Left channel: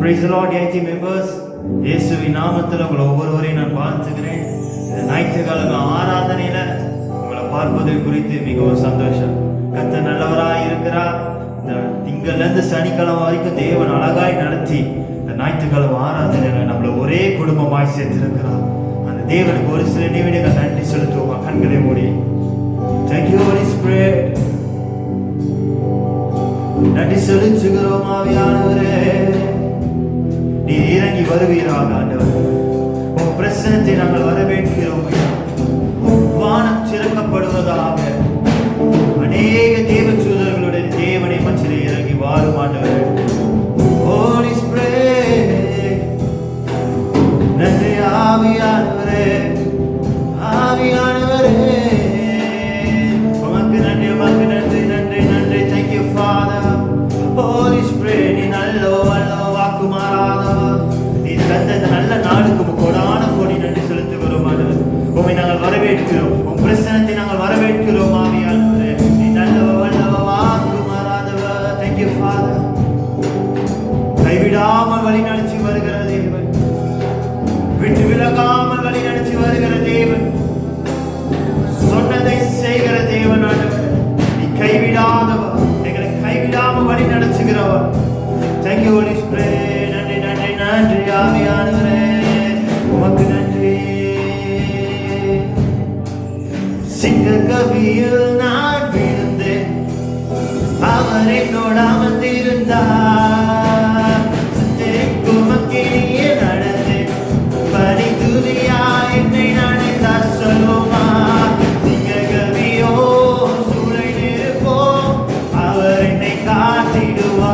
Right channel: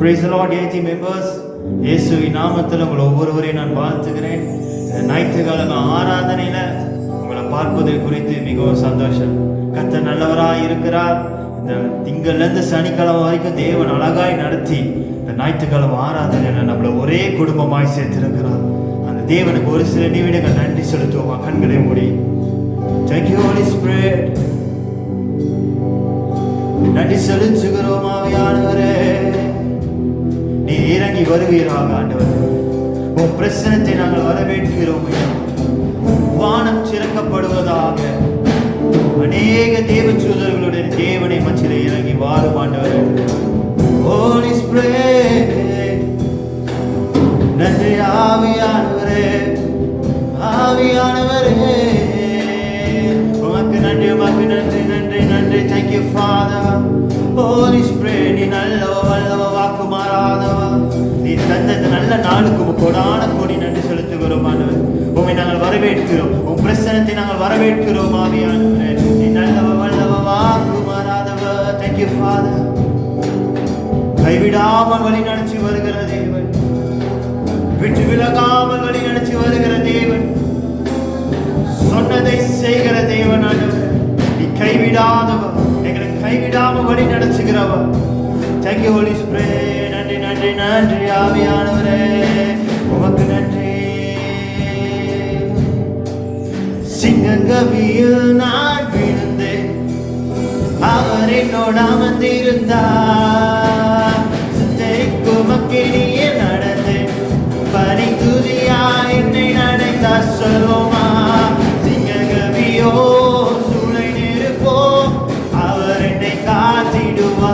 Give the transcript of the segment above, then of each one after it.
Praise the Lord, AIT members. இயேசுவின் நாமத்தில் உங்கள் ஒவ்வொருவரையும் நான் வாழ்த்துகிறேன். இந்த ஞாயிற்றுக்கிழமை ஆராதனையில உங்களை பார்ப்பதை குறித்து மிகவும் சந்தோஷம். கர்த்தர் நல்லவராய் இருக்கிறார். இந்த திங்கள்லேருந்து சனிக்கிழமை வரைக்கும் தேவன் அழகாய் நடத்தி இந்த ஞாயிற்றுக்கிழமை ஆராதனையில நம்மளை ஒரே குடும்பமாய் சேர்த்திருக்கிறார். அந்த தேவனுக்கு ஒரு சில நிமிடங்கள் நன்றி செலுத்துவோம். கண்களை மூடி. Thank you, Holy Spirit. நன்றி செலுத்துகிறோம் ஆவியானவரே. நீ இறங்கி வருவீராக ஆண்டவர். உன் பிரசனத்தை நாங்கள் வரவேற்கிறோம். வானம் திறக்கப்படுவதாக. அநேக தேவ தூதர்களுடைய தேவனை மத்தியிலே இறங்கி வாரும் ஆண்டவர். Holy Spirit. நன்றி ஆவியானவரே. ஆவியானவரே. உமக்கு நன்றி, உமக்கு நன்றி, நன்றி, நன்றி. Thank you, Father. Holy Spirit, நீ நல்ல நாளுக்கு கோடான கோடி நன்றி செலுத்துகிறோம் ஆண்டவர். உம்மை நாங்கள் வரவேற்கிறோம். உம் பிரசன்னத்தை நாங்கள் வரவேற்கிறோம் ஆவியானவரே. நீ நல்லவர், வல்லவர், வாக்கு மாறாதவர். Thank you, Father. கைவிடாமல் வழி நடத்தி வருகிற தேவன், விட்டு விலகாமல் வழி நடத்தி வருகிற தேவன், சொன்னதை செய்கிற தேவன் ஆண்டவர். நீ கைவிடாதவர், எங்களை கைவிடாமல் வழி நடத்துகிறவர். Thank you, Holy Spirit. நன்றி, நன்றி, நன்றி ஆவியானவரே. உமக்கு நன்றி. சிங்கக்கவியில் நான் விழுந்தேன், அவர் என்னோட அமர்ந்திருந்தார். குமக்கினியே நடந்தேன், பனி துதியாய் என்னை நனைந்தார். சொல்லுமா சிங்கக்கவியோ சூளை நெருப்போ, அவர் என்னை காத்திடுவார்.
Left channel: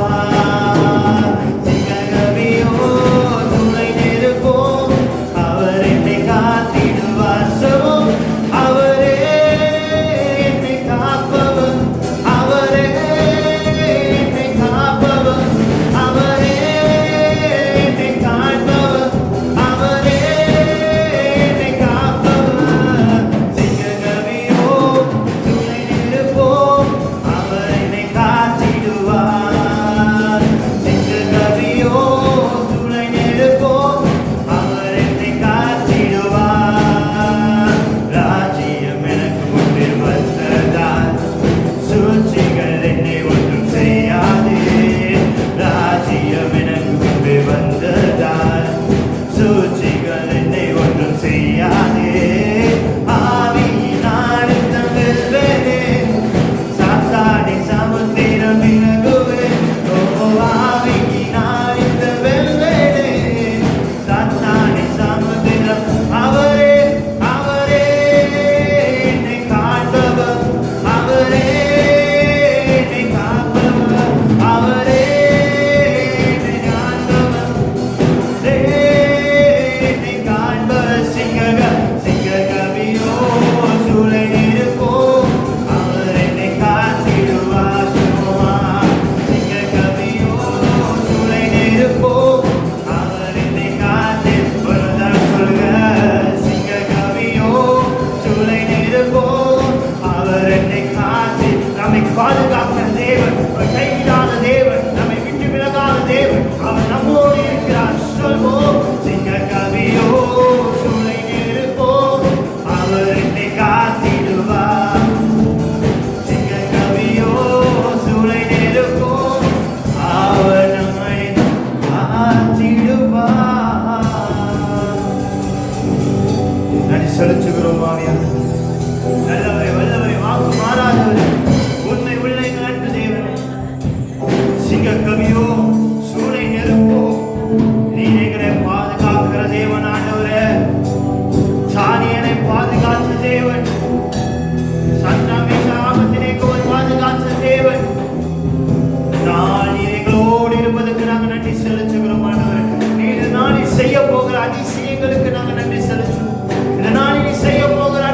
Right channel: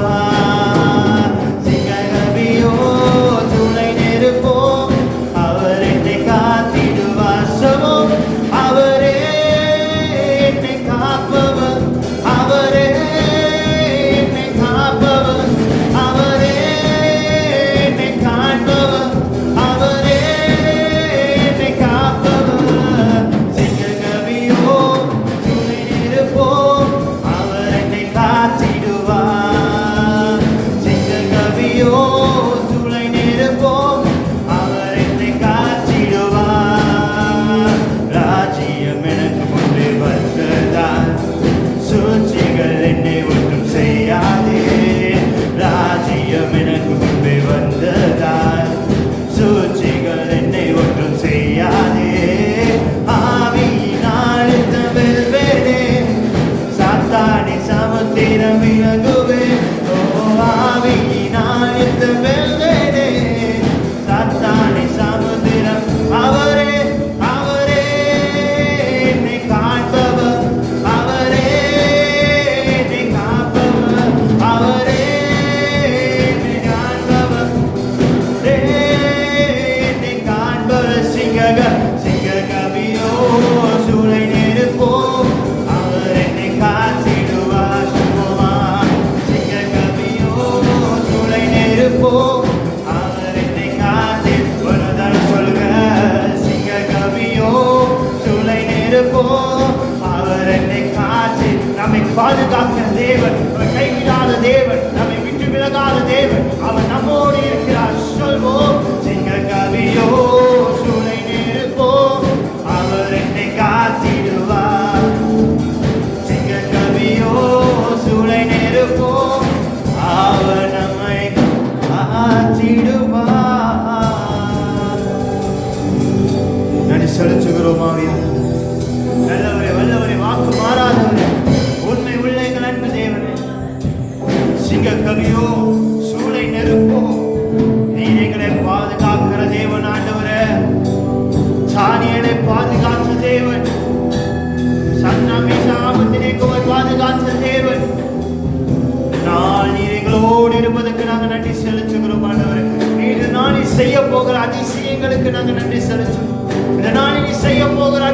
செய்ய போகிற அதிசயங்களுக்கு நாங்கள் நன்றி செலுத்துவோம். இந்த நாளில் செய்ய போகிற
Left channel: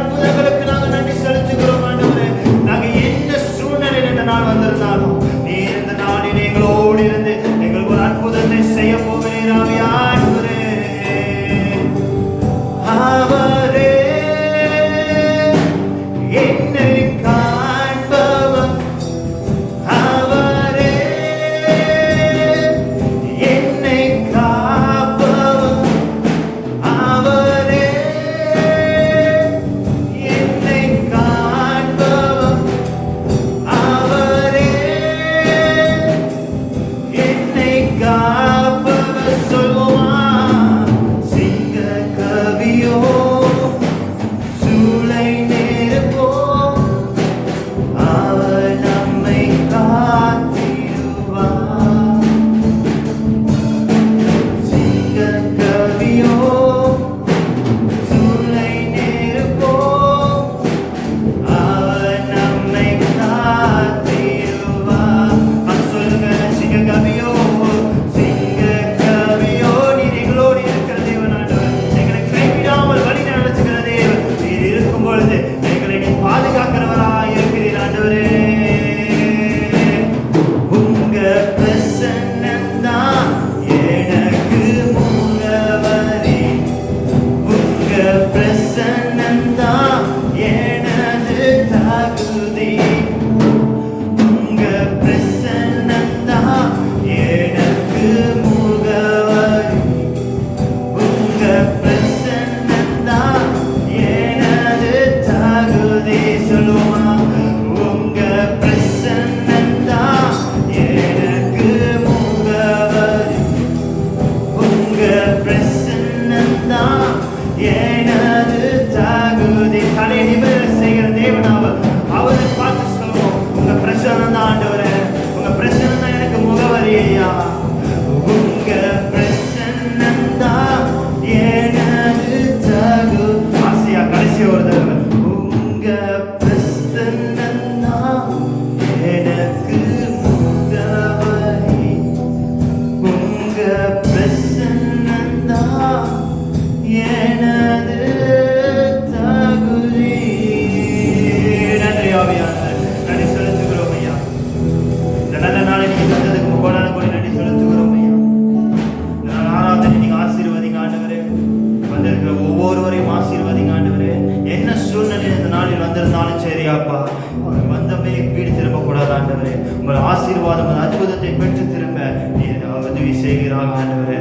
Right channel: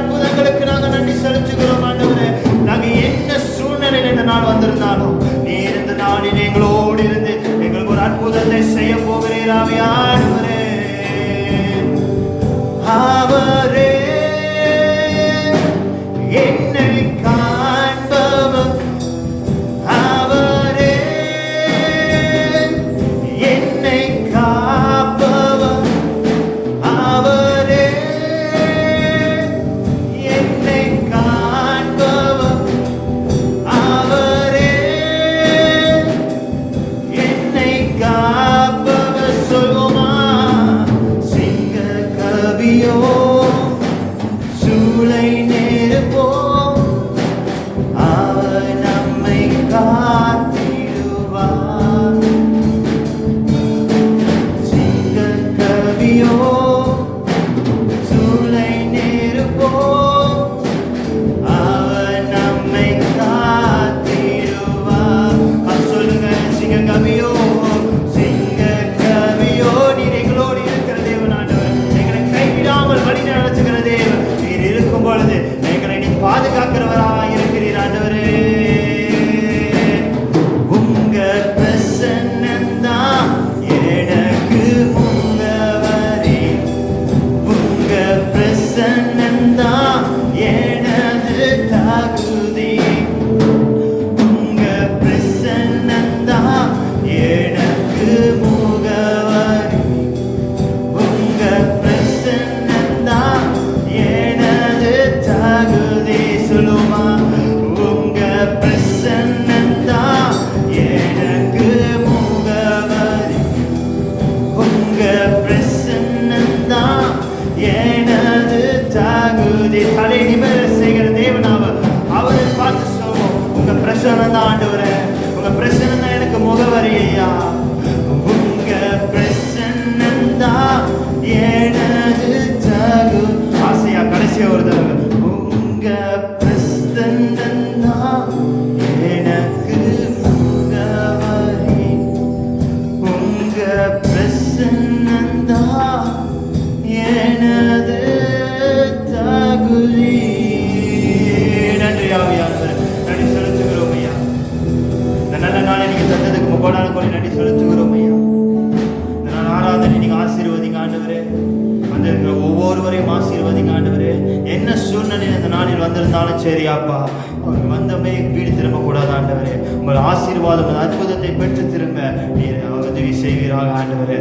ஐயாப்பா, அவங்க வந்தமே வீடு திரும்ப கூடாது ஆண்டவரே. உங்கள் ஆசீர்வாதம் அற்புதத்தை பெற்று திரும்ப நீர் உதவி செய்வீராக ஆண்டவரே.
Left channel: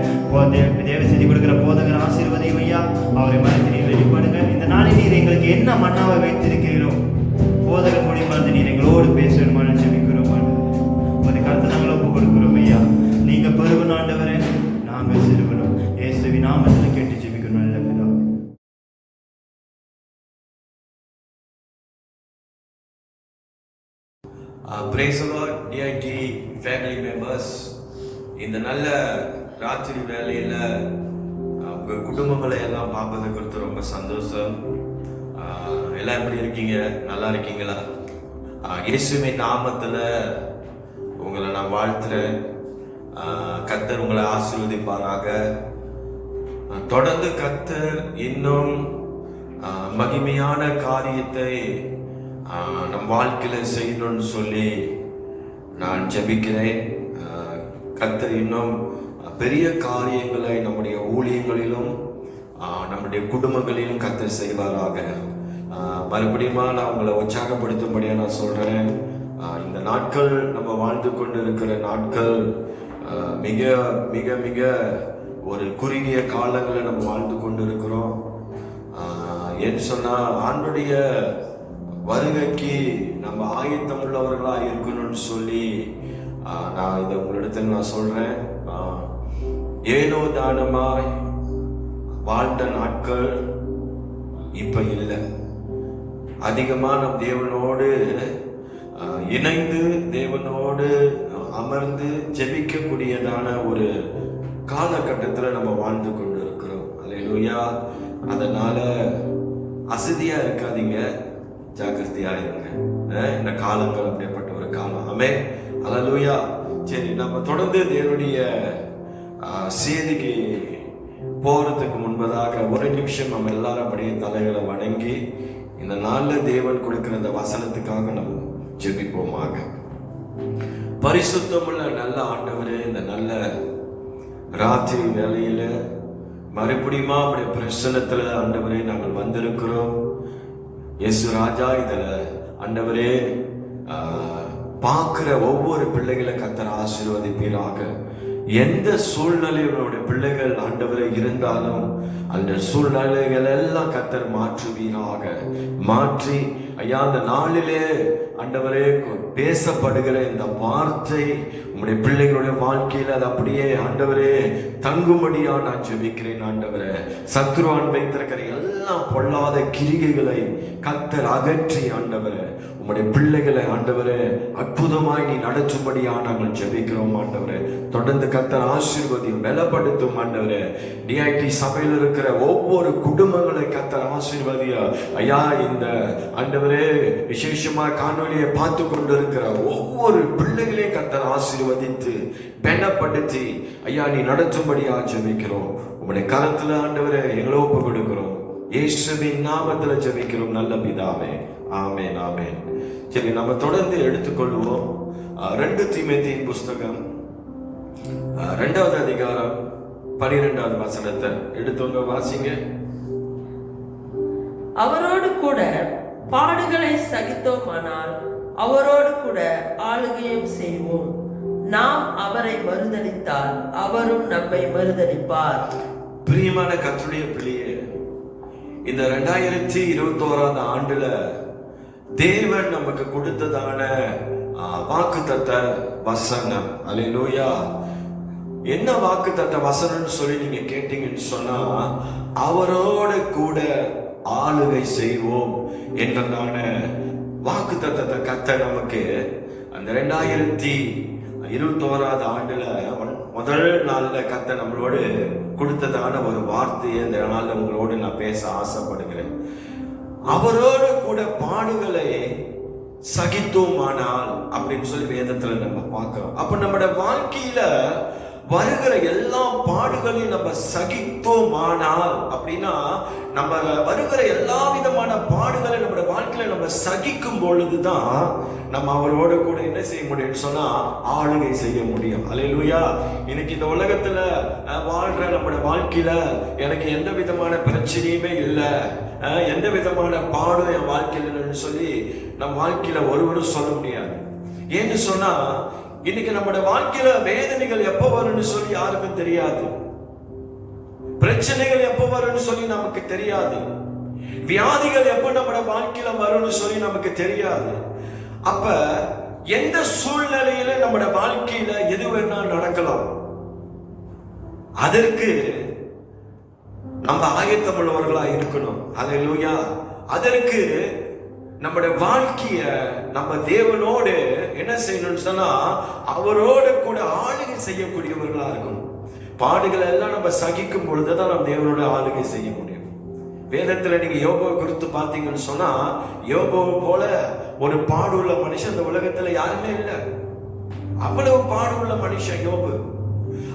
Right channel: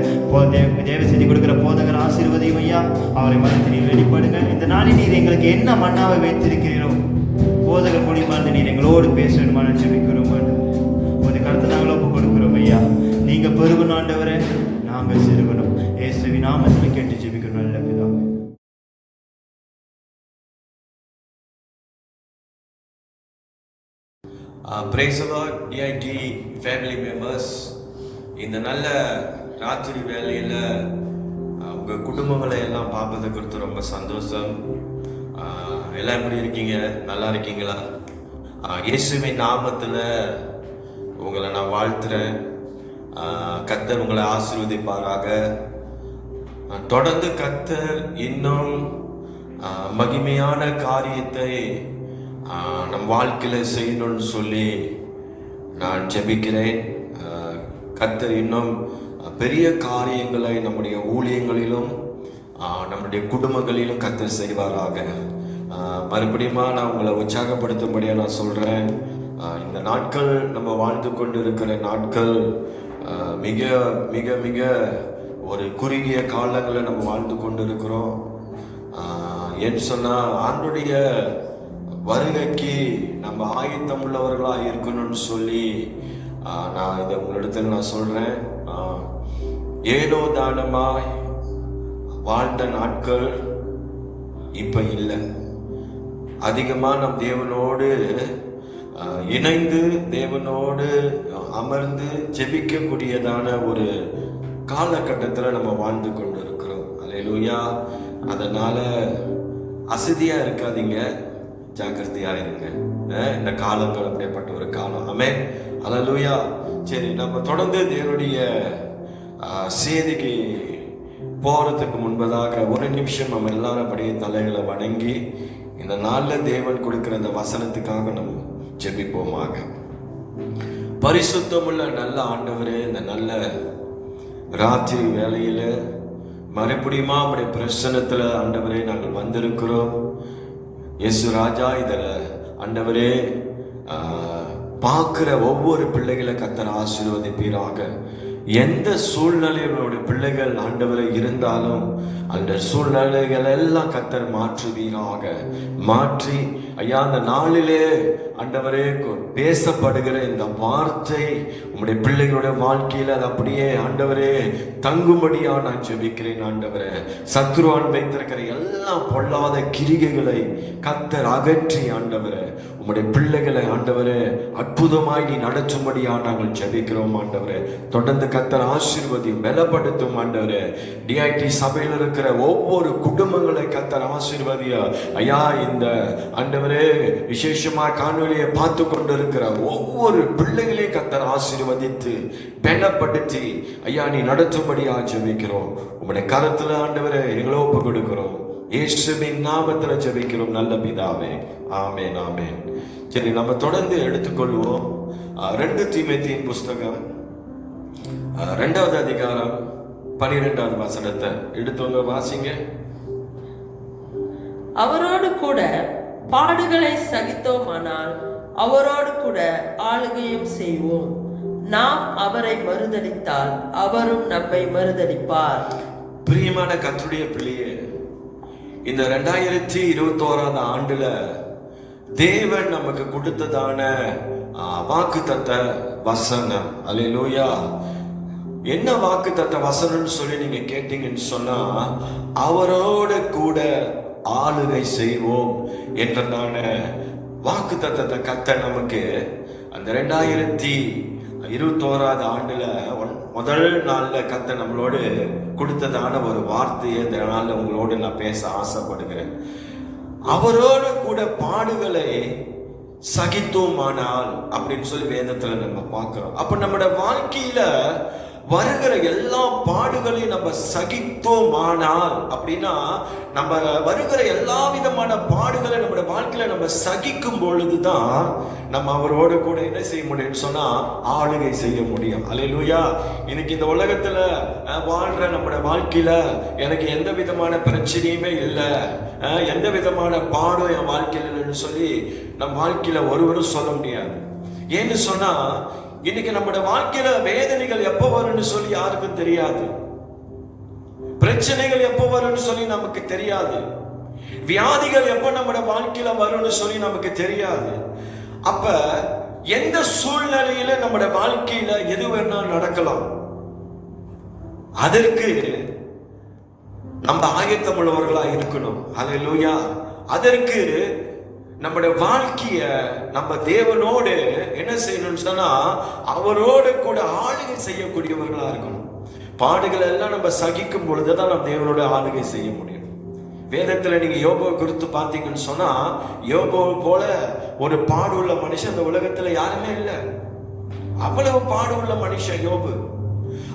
தேவ செய்தி கொடுக்கிற போதகர் ஆசீர்வதியும் ஐயா. அவரை மனத்தில் நீர் வெளிப்படுங்க. இந்த நாளில் நீர் எங்களுக்கு என்ன மன்னாவை வைத்திருக்கிறீரோ போதகர் மூலியமாக நீர் எங்களோடு பேசணுமான ஜெபிக்கிறோம் ஆண்டவரே. ஒரு கருத்து நாங்கள் ஒப்பு கொடுக்கிறோம் ஐயா. நீங்க பெருகணும் ஆண்டவரே, நாங்க சிறுகணும். இயேசுவின் நாமத்தில் கேட்டு ஜெபிக்கணும் நல்ல பிதாவே. Praise the Lord, DIT family members. இந்த நல்ல ராத்திரி வேலையில் உங்கள் குடும்பங்களை எல்லாம் பார்ப்பது குறித்து ரொம்ப சந்தோஷம். எல்லாம் எப்படி இருக்கீங்க? நல்லா இருக்கீங்களா? இயேசுவின் நாமத்தில் உங்களை நான் வாழ்த்துறேன். கர்த்தர் உங்களை ஆசீர்வதிப்பாராக. தொடர்ந்து கர்த்தர் இன்னும் மகிமையான காரியத்தை நம் வாழ்க்கையில செய்யணும்னு சொல்லி நான் ஜெபிக்கிறேன். கர்த்தர் இன்னும் பெரிய காரியங்களை நம்முடைய ஊழியங்களிலும் நம்முடைய குடும்பங்களிலும் கர்த்தர் செய்வாராக. மறுபடியும் நான் உங்களை உற்சாகப்படுத்தும்படியா நான் சொல்றேன். இந்த நாட்கள் நம்ம வாழ்ந்து கொண்டு இருக்கிற நாட்கள் மிக மிக மிக ஒரு குறுகிய காலங்களை நம்ம வாழ்ந்து கொண்டு இருக்கிறோம். ஏன்னு சொன்னா ஆண்டுடைய வருகைக்கு நம்ம ஆயத்தம் உள்ளவர்களா இருக்கணும்னு சொல்லி நான் இந்த உங்களிடத்தில் நான் சொல்றேன். ஏனோ தானமாய் வாழ்ந்த நாட்கள் இப்ப இல்லை. அதிகமா நம் தேவனோடு இணைந்து தேவனோடு அமர்ந்து ஜெபிக்கக்கூடியதான ஒரு காலகட்டத்தில் நம்ம வாழ்ந்து கொண்டு இருக்கிறோம். அல்லேலூயா. அதனால அசதியா இருக்காதீங்க, ஜாக்கிரதையா இருங்க. இந்த காலங்கள் அப்படிப்பட்ட ஒரு காலம். ஆமென். அல்லேலூயா. சரி, நம்ம தொடர்ந்து தேவனுடைய செய்திக்கு போறதுக்கு முன்பதாக ஒரு நிமிஷம் நம்ம எல்லாரும் அப்படியே தலைகளை வணங்கி இந்த நாள்ல தேவன் கொடுக்கிற இந்த வசனத்துக்காக நம்ம ஜெபிப்போமாக. பரிசுத்தமுள்ள நல்ல ஆண்டவரே, இந்த நல்ல ராத்திரி வேளையில மறுபடியுமா அப்படி பிரசன்னத்துல ஆண்டவரே நாங்கள் வந்திருக்கிறோம். இயேசு ராஜா, இதுல ஆண்டவரே பார்க்கிற ஒவ்வொரு பிள்ளைகளை கர்த்தர் ஆசீர்வதிப்பீராக. எந்த சூழ்நிலையோட பிள்ளைகள் ஆண்டவரை இருந்தாலும் அந்த சூழ்நிலைகள் எல்லாம் கர்த்தர் மாற்றுவீராக. மாற்றி ஐயா, அந்த நாளிலே ஆண்டவரே பேசப்படுகிற இந்த வார்த்தை உங்களுடைய பிள்ளைகளுடைய வாழ்க்கையில் அது அப்படியே ஆண்டவரே தங்கும்படியா நான் ஜெபிக்கிறேன். ஆண்டவரே, சத்துருவான் வைத்திருக்கிற எல்லா பொல்லாத கிரிகைகளை கர்த்தர் அகற்றி ஆண்டவரே உங்களுடைய பிள்ளைகளை ஆண்டவரே அற்புதமாய் நீ நடத்தும்படியா நாங்கள் ஜெபிக்கிறோம். ஆண்டவரே, தொடர்ந்து கர்த்தர் ஆசீர்வதி பலப்படுத்தும். ஆண்டவரே, டிஐடி சபையில் இருக்கிற ஒவ்வொரு குடும்பங்களை கர்த்தர் ஆசீர்வதியா. ஐயா, இந்த ஆண்டவரே விசேஷமா காணொலியை பார்த்து கொண்டு இருக்கிற ஒவ்வொரு பிள்ளைகளையும் கர்த்தர் ஆசீர்வதித்து பலப்படுத்தி ஐயா நீ நடத்தும்படியா ஜெபிக்கிறோம். உங்களுடைய கரத்துல ஆண்டவரே எங்களை ஒப்பு கொடுக்கிறோம். இயேசுவின் நாமத்துல ஜெபிக்கிறோம் நல்ல பிதாவே. ஆமென், ஆமென். சரி, நம்ம தொடர்ந்து எடுத்துக்கொள்வோம். 2 தீமோத்தேயுவின் புஸ்தகம் 2வது அதிகாரம் 12வது வசனத்தை எடுத்தவங்க வாசிங்க. அவரோடு கூட பாடுகளை சகித்தோமானால் அவரோடு கூட ஆளுகையும் செய்வோம். நாம் அவரை மறுதலித்தால் அவரும் நம்மை மறுதலிப்பார். பிரியமான கர்த்தருடைய பிள்ளையே, இந்த 2021 ஆண்டுல தேவன் நமக்கு கொடுத்ததான வாக்குத்தத்த வசனம். அல்லேலூயா. என்ன வாக்குத்தத்த வசனம்னு சொல்லி நீங்க கேட்டீங்கன்னு சொன்னா, அவரோட கூட ஆளுகை செய்வோம் என்றதான வாக்குத்தத்தத்தை கர்த்தர் நமக்கு அந்த 2021 ஆண்டுல முதல் நாள்ல கர்த்தர் நம்மளோடு கொடுத்ததான ஒரு வார்த்தையை இந்த நாள்ல உங்களோடு நான் பேச ஆசைப்படுகிறேன். அவரோடு கூட பாடுகளை சகித்தோமானால் அப்படின்னு சொல்லி வேதத்துல நம்ம பார்க்கிறோம். அப்ப நம்முடைய வாழ்க்கையில வருகிற எல்லா பாடுகளையும் நம்ம சகித்தோமானால் அப்படின்னா, நம்ம வருகிற எல்லா விதமான பாடுகளை நம்முடைய வாழ்க்கையில நம்ம சகிக்கும் பொழுதுதான் நம்ம அவரோட கூட என்ன செய்ய முடியும்னு சொன்னா ஆளுகை செய்ய முடியும். அல்லேலூயா. இன்னைக்கு இந்த உலகத்துல வாழ்ற நம்முடைய வாழ்க்கையில எனக்கு எந்த விதமான பிரச்சனையுமே இல்லை, எந்த விதமான பாடும் என் வாழ்க்கையில் இல்லைன்னு சொல்லி நம்ம வாழ்க்கையில ஒருவரும் சொல்ல முடியாது. ஏன்னு சொன்னா இன்னைக்கு நம்முடைய வாழ்க்கையில வேதனைகள் எப்ப வரும்னு சொல்லி யாருக்கும் தெரியாது, பிரச்சனைகள் எப்ப வரும்னு சொல்லி நமக்கு தெரியாது, வியாதிகள் எப்ப நம்முடைய வாழ்க்கையில வரும்னு சொல்லி நமக்கு தெரியாது. அப்ப எந்த சூழ்நிலையில நம்முடைய வாழ்க்கையில எது வேணாலும் நடக்கலாம். அதற்கு நம்ம ஆயத்தம் உள்ளவர்களா இருக்கணும். அல்லேலூயா. அதற்கு நம்முடைய வாழ்க்கைய நம்ம தேவனோடு என்ன செய்யணும்னு சொன்னா அவரோட கூட ஆளுகை செய்யக்கூடியவர்களா இருக்கணும். பாடுகள் எல்லாம் நம்ம சகிக்கும் பொழுதுதான் நம்ம தேவனோட ஆளுகை செய்ய முடியும். வேதத்துல நீங்க யோபுவை குறித்து பார்த்தீங்கன்னு சொன்னா யோபுவை போல ஒரு பாடுள்ள மனுஷன் இந்த உலகத்துல யாருமே இல்லை. அவ்வளவு பாடுள்ள மனுஷன் யோபு.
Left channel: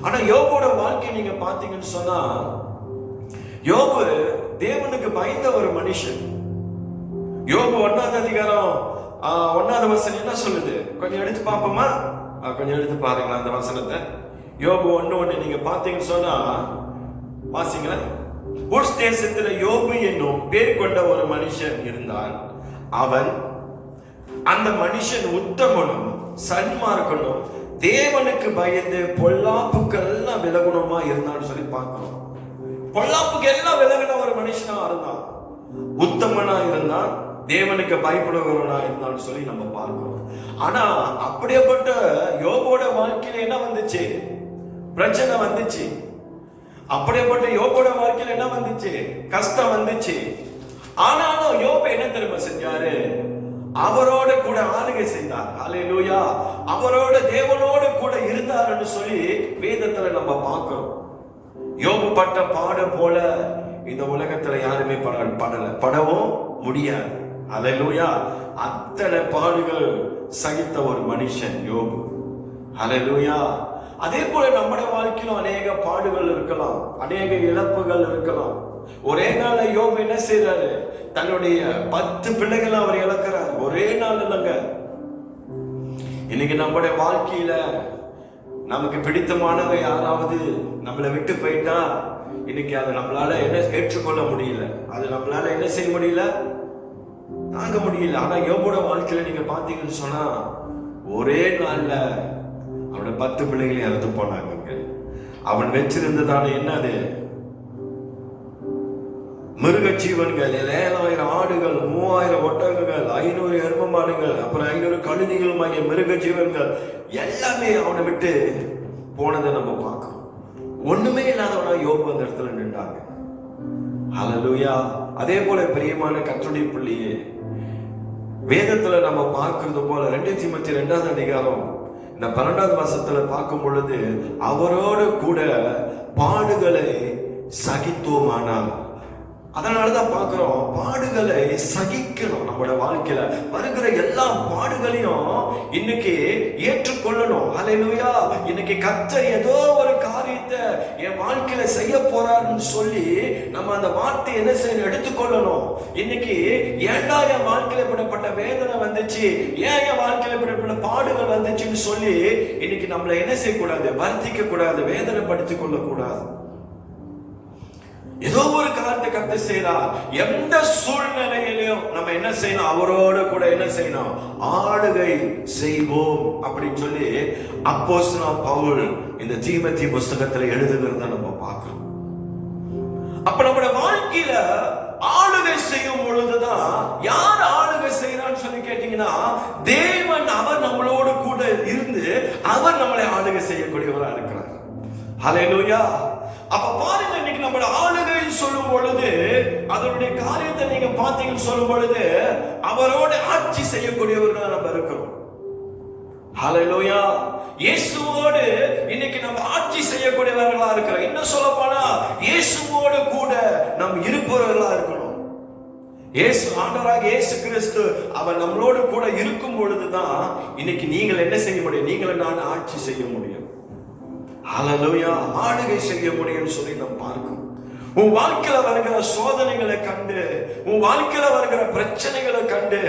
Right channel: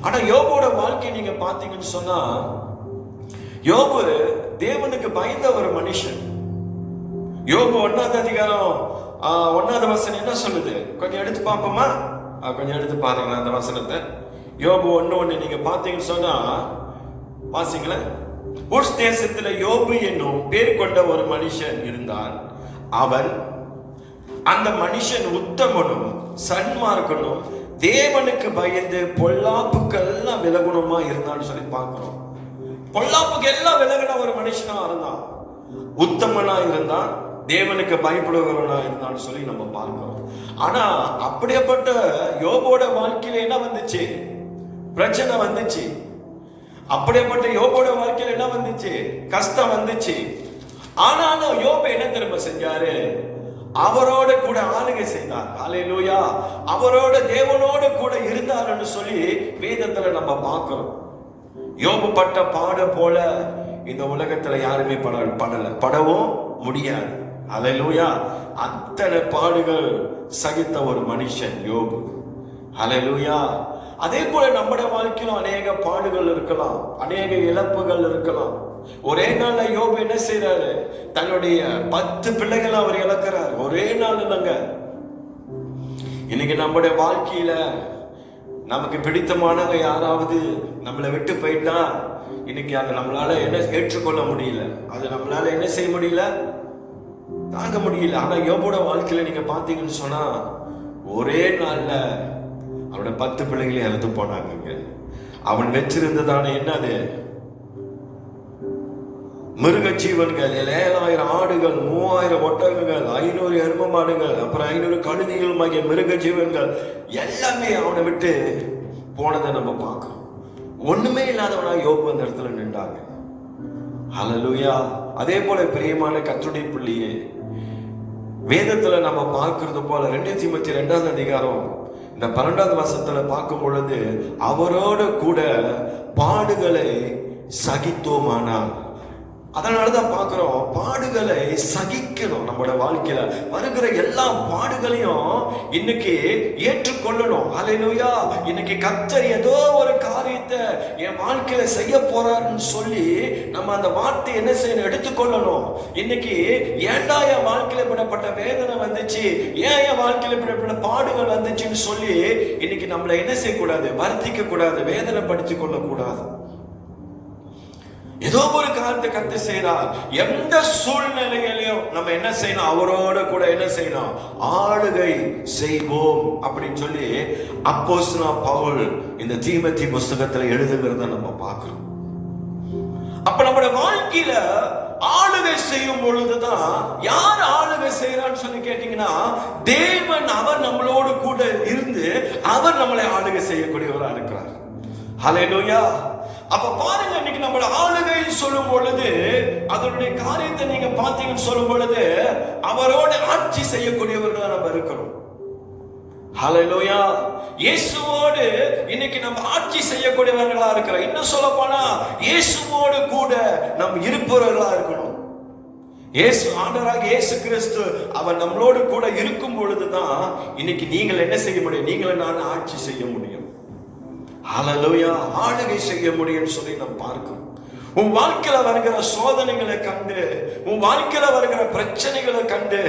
ஆனா யோபுவோட வாழ்க்கை நீங்க பார்த்தீங்கன்னு சொன்னா யோபு தேவனுக்கு பயந்த ஒரு மனுஷன். யோபு 1ஆம் அதிகாரம் 1ஆவது வசனம் என்ன சொல்லுது? கொஞ்சம் எடுத்து பார்ப்போமா? கொஞ்சம் எடுத்து பாருங்க அந்த வசனத்தை. யோபு 1:1 நீங்க பார்த்தீங்கன்னு சொன்னா வாசிங்களா. உஸ் தேசத்துல யோபு என்னும் பேர் கொண்ட ஒரு மனுஷன் இருந்தான். அவன் அந்த மனுஷன் உத்தமனும் சன்மார்க்கனும் தேவனுக்கு பயந்து பொல்லாப்புக்கெல்லாம் விலகுணமா இருந்தான்னு சொல்லி பார்க்கிறோம். பொல்லாப்புக்கு எல்லாம் விலகின ஒரு மனுஷனா இருந்தான், உத்தமனா இருந்தான், தேவனுக்கு பயப்படுபவனா இருந்தான்னு சொல்லி நம்ம பார்க்கிறோம். ஆனா அப்படியேப்பட்ட யோபோட வாழ்க்கையில என்ன வந்துச்சு? பிரச்சனை வந்துச்சு. அப்படியேப்பட்ட யோபோட வாழ்க்கையில என்ன வந்துச்சு? கஷ்டம் வந்துச்சு. ஆனாலும் யோபு என்ன திரும்ப செஞ்சாரு? அவரோட கூட ஆளுகை செய்தார். அல்லேலூயா. அவரோட தேவனோட கூட இருந்தார்னு சொல்லி வேதத்துல நம்ம பார்க்கிறோம். யோபு பட்ட பாடு போல இந்த உலகத்துல யாருமே படவும் முடியாது. அல்லேலூயா. அத்தனை பாடுகள் சகித்த ஒரு மனுஷன் யோபு. அல்லேலூயா. அதே போல நம்முடைய வாழ்க்கையிலும் அநேக பாடுகள் இருக்கலாம், அநேக இழப்புகள் இருக்கலாம். ஒரே நாள்ல யோபு என்ன செய்யறாரு? தன்னுடைய 10 பிள்ளைகளை அவர் இழக்கிறார் ஒரே நாள். இன்னைக்கு நம்முடைய வாழ்க்கையில நமக்கு பிடித்தமானவங்க யாராவது நம்மளை விட்டு போயிட்டா இன்னைக்கு அதை நம்மளால என்ன ஏற்றுக்கொள்ள முடியல, அது நம்மளால என்ன செய்ய முடியல, தாங்க முடியல. ஆனா யோபோட வாழ்க்கையில நீங்க பாத்தீங்கன்னு சொன்னா ஒரே நாள்ல அவனோட 10 பிள்ளைகளை இறந்து போனாங்க. அவன் வச்சிருந்ததான என்னது? மிருக ஜீவன்கள் 7000 ஆடுகள், 3000 ஒட்டகங்கள், 500 எரும மாடுகள், அப்புறம் 500 கழுதைகள் ஆகிய மிருக ஜீவன்கள் எல்லாமே அவனை விட்டு போனதை நம்ம பார்க்கிறோம். ஒண்ணுமே இல்லாதவனா யோபு அந்த இடத்துல நின்றாங்க. ஹல்லேலூயா. அதே போல பிரியமான கர்த்தருடைய பிள்ளையே, வேதத்துல நம்ம பார்க்கிறது போல 2 தீமோத்தேயு 2ஆம் அதிகாரம் இந்த 12ஆவது வசனத்துல பார்க்கும் பொழுது அவரோட கூட பாடுகளை சகித்தோமானால், அதனாலதான் பார்க்கிறோம் பாடுகளை சகிக்கணும். நம்மளோட வாழ்க்கையில வருகிற எல்லா பாடுகளையும் இன்னைக்கு ஏற்றுக்கொள்ளணும். அல்லேலூயா. இன்னைக்கு கர்த்தர் ஏதோ ஒரு காரியத்தை என் வாழ்க்கையில செய்ய போறாருன்னு சொல்லி நம்ம அந்த வார்த்தை என்ன செய்யணும்? எடுத்துக்கொள்ளணும். இன்னைக்கு ஏன்டா என் வாழ்க்கையில படப்பட்ட வேதனை வந்துச்சு, ஏன் என் வாழ்க்கையில படப்பட்ட பாடுகள் வந்துச்சுன்னு சொல்லி இன்னைக்கு நம்மளை என்ன செய்யக்கூடாது? வருத்திக்க கூடாது, வேதனை படுத்திக் கொள்ள கூடாது. ஏதோ ஒரு காரியத்தை கர்த்தர் செய்யலாம். எந்த சூழ்நிலையிலும் நம்ம என்ன செய்யணும்? அவரோட கூட என்ன செய்யணும்? ஆளுகை செய்வோம் அப்படின்னு சொல்லி அப்போஸ்தலன் பவுல் இந்த தீமோத்தேயு புத்தகத்துல எழுதுகிறத நம்ம பார்க்கிறோம். அப்ப நம்முடைய வாழ்க்கையில ஆளுகை செய்யும் பொழுதுதான் யார் ஆளுகை செய்யறான்னு சொல்லி கேட்டீங்கன்னா தேவன். அவர் நம்மளோடு கூட இருந்து அவர் நம்மளை ஆளுகை செய்யக்கூடியவரா இருக்கிறார். ஹல்லேலூயா. அப்ப பாருங்க, இன்னைக்கு நம்மளோட ஆளுகை சொல்லும் பொழுது அதனுடைய காரியத்தை நீங்க பாத்தீங்கன்னு சொல்லும் பொழுது அவரோட ஆட்சி செய்யக்கூடியவர்களா நம்ம இருக்கிறோம். ஹல்லேலூயா. இயேசுவோடு இன்னைக்கு நம்ம ஆட்சி செய்யக்கூடியவர்களா இருக்கிறோம். இன்னும் சொல்ல போனா இயேசுவோடு கூட நம்ம இருப்பவர்களா இருக்கணும். இயேசு ஆண்டவராகிய இயேசு கிறிஸ்து அவர் நம்மளோடு கூட இருக்கும் பொழுதுதான் இன்னைக்கு நீங்கள் என்ன செய்ய முடியும்? நீங்கள் நான் ஆட்சி செய்ய முடியும். ஹல்லேலூயா, ஆளுகை செய்ய முடியும்னு சொல்லி நாம் பார்க்கிறோம். உன் வாழ்க்கையில வருகிற சோதனைகளை கண்டு, உன் வாழ்க்கையில வருகிற பிரச்சனைகளை கண்டு,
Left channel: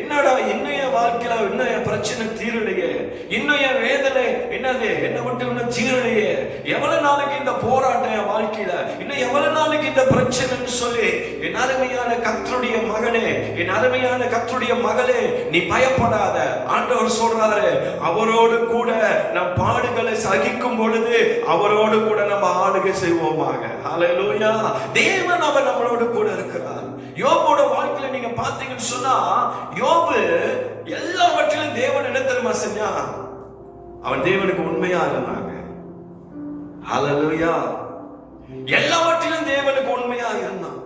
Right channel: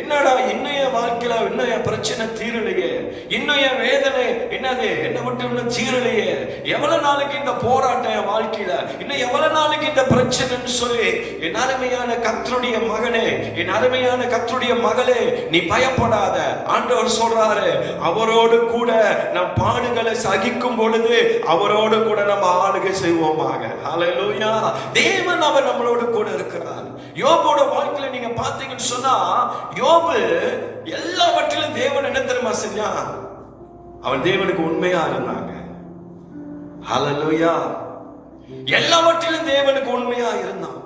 என்னடா இன்னும் என் வாழ்க்கையில இன்னும் என் பிரச்சனை தீரலையே, இன்னும் என் வேதனை என்னது என்ன மட்டும் இன்னும் தீரலையே, எவ்வளவு நாளைக்கு இந்த போராட்டம் என் வாழ்க்கையில, இன்னும் எவ்வளவு நாளைக்கு இந்த பிரச்சனைன்னு சொல்லி, என் அருமையான கர்த்தருடைய மகனே, என் அருமையான கர்த்தருடைய மகளே, நீ பயப்படாத. ஆண்டவர் சொல்றாரு, அவரோடு கூட நம் பாடுகளை சகிக்கும் பொழுது அவரோடு கூட நம்ம ஆளுகை செய்வோமாக. ஹல்லேலூயா. தேவன் அவர் நம்மளோடு கூட இருக்கிறார். யோபோட வாழ்க்கையில நீங்க பாத்தீங்கன்னு சொன்னா, யோபு எல்லாவற்றிலும் தேவன் என்ன தெரியுமா செஞ்சான்? அவன் தேவனுக்கு உண்மையா இருந்தாங்க. ஹல்லேலூயா. எல்லாவற்றிலும் தேவனுக்கு உண்மையா இருந்தான்.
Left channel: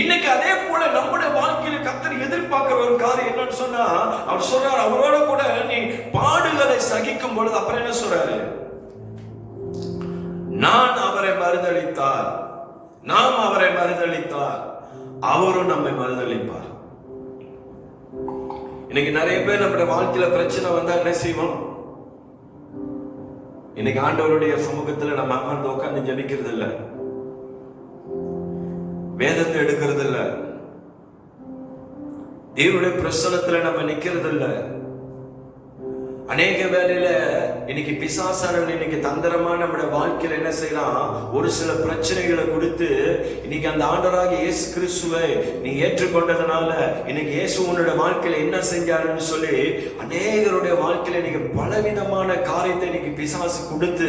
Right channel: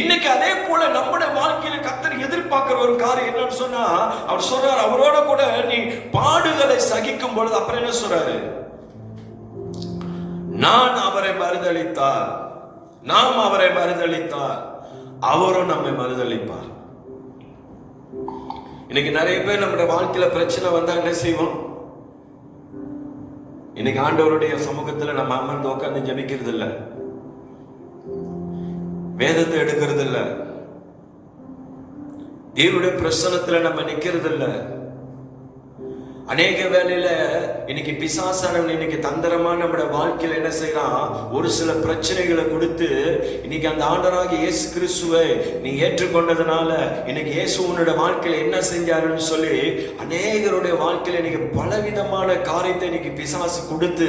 இன்னைக்கு அதே போல நம்முடைய வாழ்க்கையில கர்த்தர் எதிர்பார்க்கிற ஒரு காரியம் என்னன்னு சொன்னா, அவர் சொல்றார், அவரோட கூட நீ பாடுகளை சகிக்கும் பொழுது அப்புறம் என்ன சொல்றாரு? நான் அவரை மறுதலித்தார், நாம் அவரை மறுதலித்தார், அவரும் நம்மை மறுதலிப்பார். இன்னைக்கு நிறைய பேர் நம்முடைய வாழ்க்கையில பிரச்சனை வந்தா என்ன செய்வோம்? இன்னைக்கு ஆண்டவருடைய சமூகத்துல நம்ம அமர்ந்து உட்கார்ந்து ஜெபிக்கிறது இல்ல, வேதத்தை எடுக்கிறது இல்ல, தேவனுடைய பிரசன்னத்துல நம்ம நிக்கிறது இல்ல. அநேக வேளையில இன்னைக்கு பிசாசானவன் இன்னைக்கு தந்திரமான நம்முடைய வாழ்க்கையில என்ன செய்யறான்? ஒரு சில பிரச்சனைகளை கொடுத்து, இன்னைக்கு அந்த ஆண்டவராகிய இயேசு கிறிஸ்துவை நீ ஏற்றுக்கொண்டதுனால இன்னைக்கு இயேசு உன்னுடைய வாழ்க்கையில என்ன செஞ்சாருன்னு சொல்லி அநேகருடைய வாழ்க்கையில இன்னைக்கு பலவிதமான காரியத்தை இன்னைக்கு பிசாசு கொடுத்து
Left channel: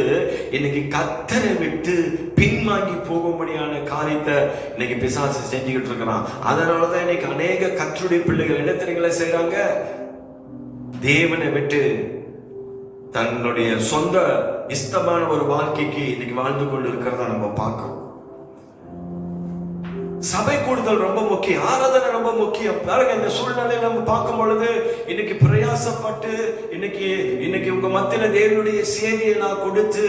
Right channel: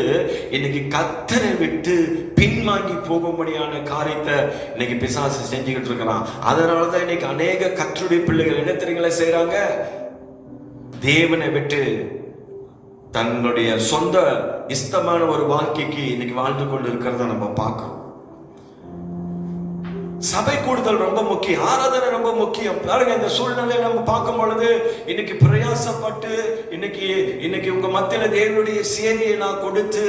இன்னைக்கு கர்த்தரை விட்டு பின்வாங்கி போகும்படியான காரியத்தை இன்னைக்கு பிசாசு செஞ்சுக்கிட்டு இருக்கிறான். அதனாலதான் இன்னைக்கு அநேக கர்த்தருடைய பிள்ளைகள் என்ன தெரியுங்களா செய்யறாங்க? தேவனை விட்டு தங்களுடைய சொந்த இஷ்டமான ஒரு வாழ்க்கைக்கு இன்னைக்கு வாழ்ந்து கொண்டு இருக்கிறத நம்ம பார்க்கிறோம். சபை கூடுதல் ரொம்ப முக்கியம், ஆராதனை ரொம்ப முக்கியம். பாருங்க, இந்த சூழ்நிலை நம்ம பார்க்கும் பொழுது இன்னைக்கு பிரயாசப்பட்டு இன்னைக்கு உங்க மத்தியில தேவனுடைய செய்தியை நான் கொடுத்து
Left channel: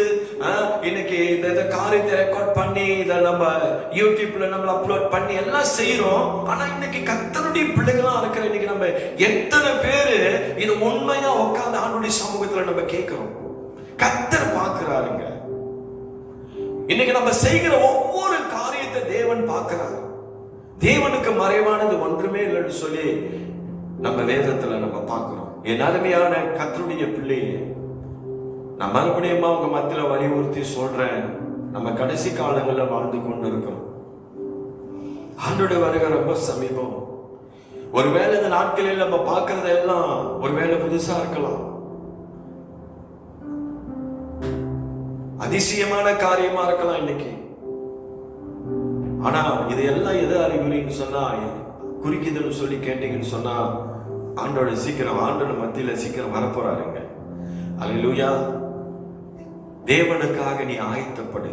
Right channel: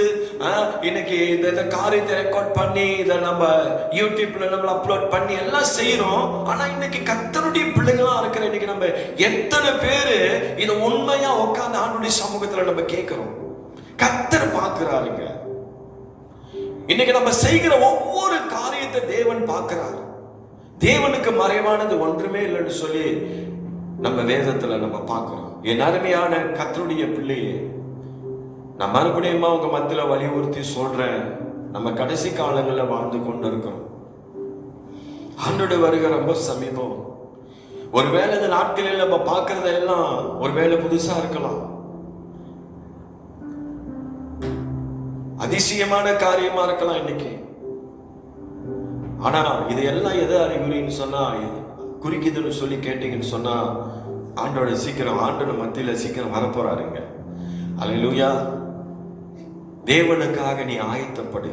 இன்னைக்கு இந்த காரியத்தை ரெக்கார்ட் பண்ணி இதை நம்ம யூடியூப்ல நம்ம அப்லோட் பண்ணி எல்லாம் செய்யறோம். ஆனா இன்னைக்கு கர்த்தருடைய பிள்ளைகளா இருக்கிற இன்னைக்கு நம்ம எத்தனை பேரு இதை உண்மையா உட்கார்ந்து ஆண்டுடைய சமூகத்துல நம்ம கேட்கிறோம்? கர்த்தர் பார்க்கிறாருங்க. இன்னைக்கு நம்ம செய்கிற ஒவ்வொரு காரியத்தை தேவன் பார்க்கிறார். தேவனுக்கு மறைவானது ஒன்றுமே இல்லைன்னு சொல்லி நம்ம வேதத்துல நம்ம பார்க்கிறோம். என் அருமையான கர்த்தருடைய பிள்ளையே, நான் மறுபடியும் உங்க மத்தியில வலியுறுத்தி சொல்றேன், நம்ம கடைசி காலங்களில் வாழ்ந்து கொண்டு இருக்கிறோம். ஆண்டோட வருகை ரொம்ப சமீபம். ஒருவேளை இந்த நாட்களில் நம்ம பார்க்கறது எல்லாம் ஒருவேளை புதுசா இருக்கலாம், அதிசயமான காரியமா இருக்கலாம் இன்னைக்கு. ஆனா இது எல்லாம் எது அறிகுறின்னு சொன்னா, குறிக்குதுன்னு சொல்லி கேட்டீங்கன்னு சொன்னா, ஆண்டோட சீக்கிரம் ஆண்டோட மத்தியில சீக்கிரம் வரப்போறாருங்க. அல்லேலூயா. தேவனுக்காக நீ ஆயத்தப்படு.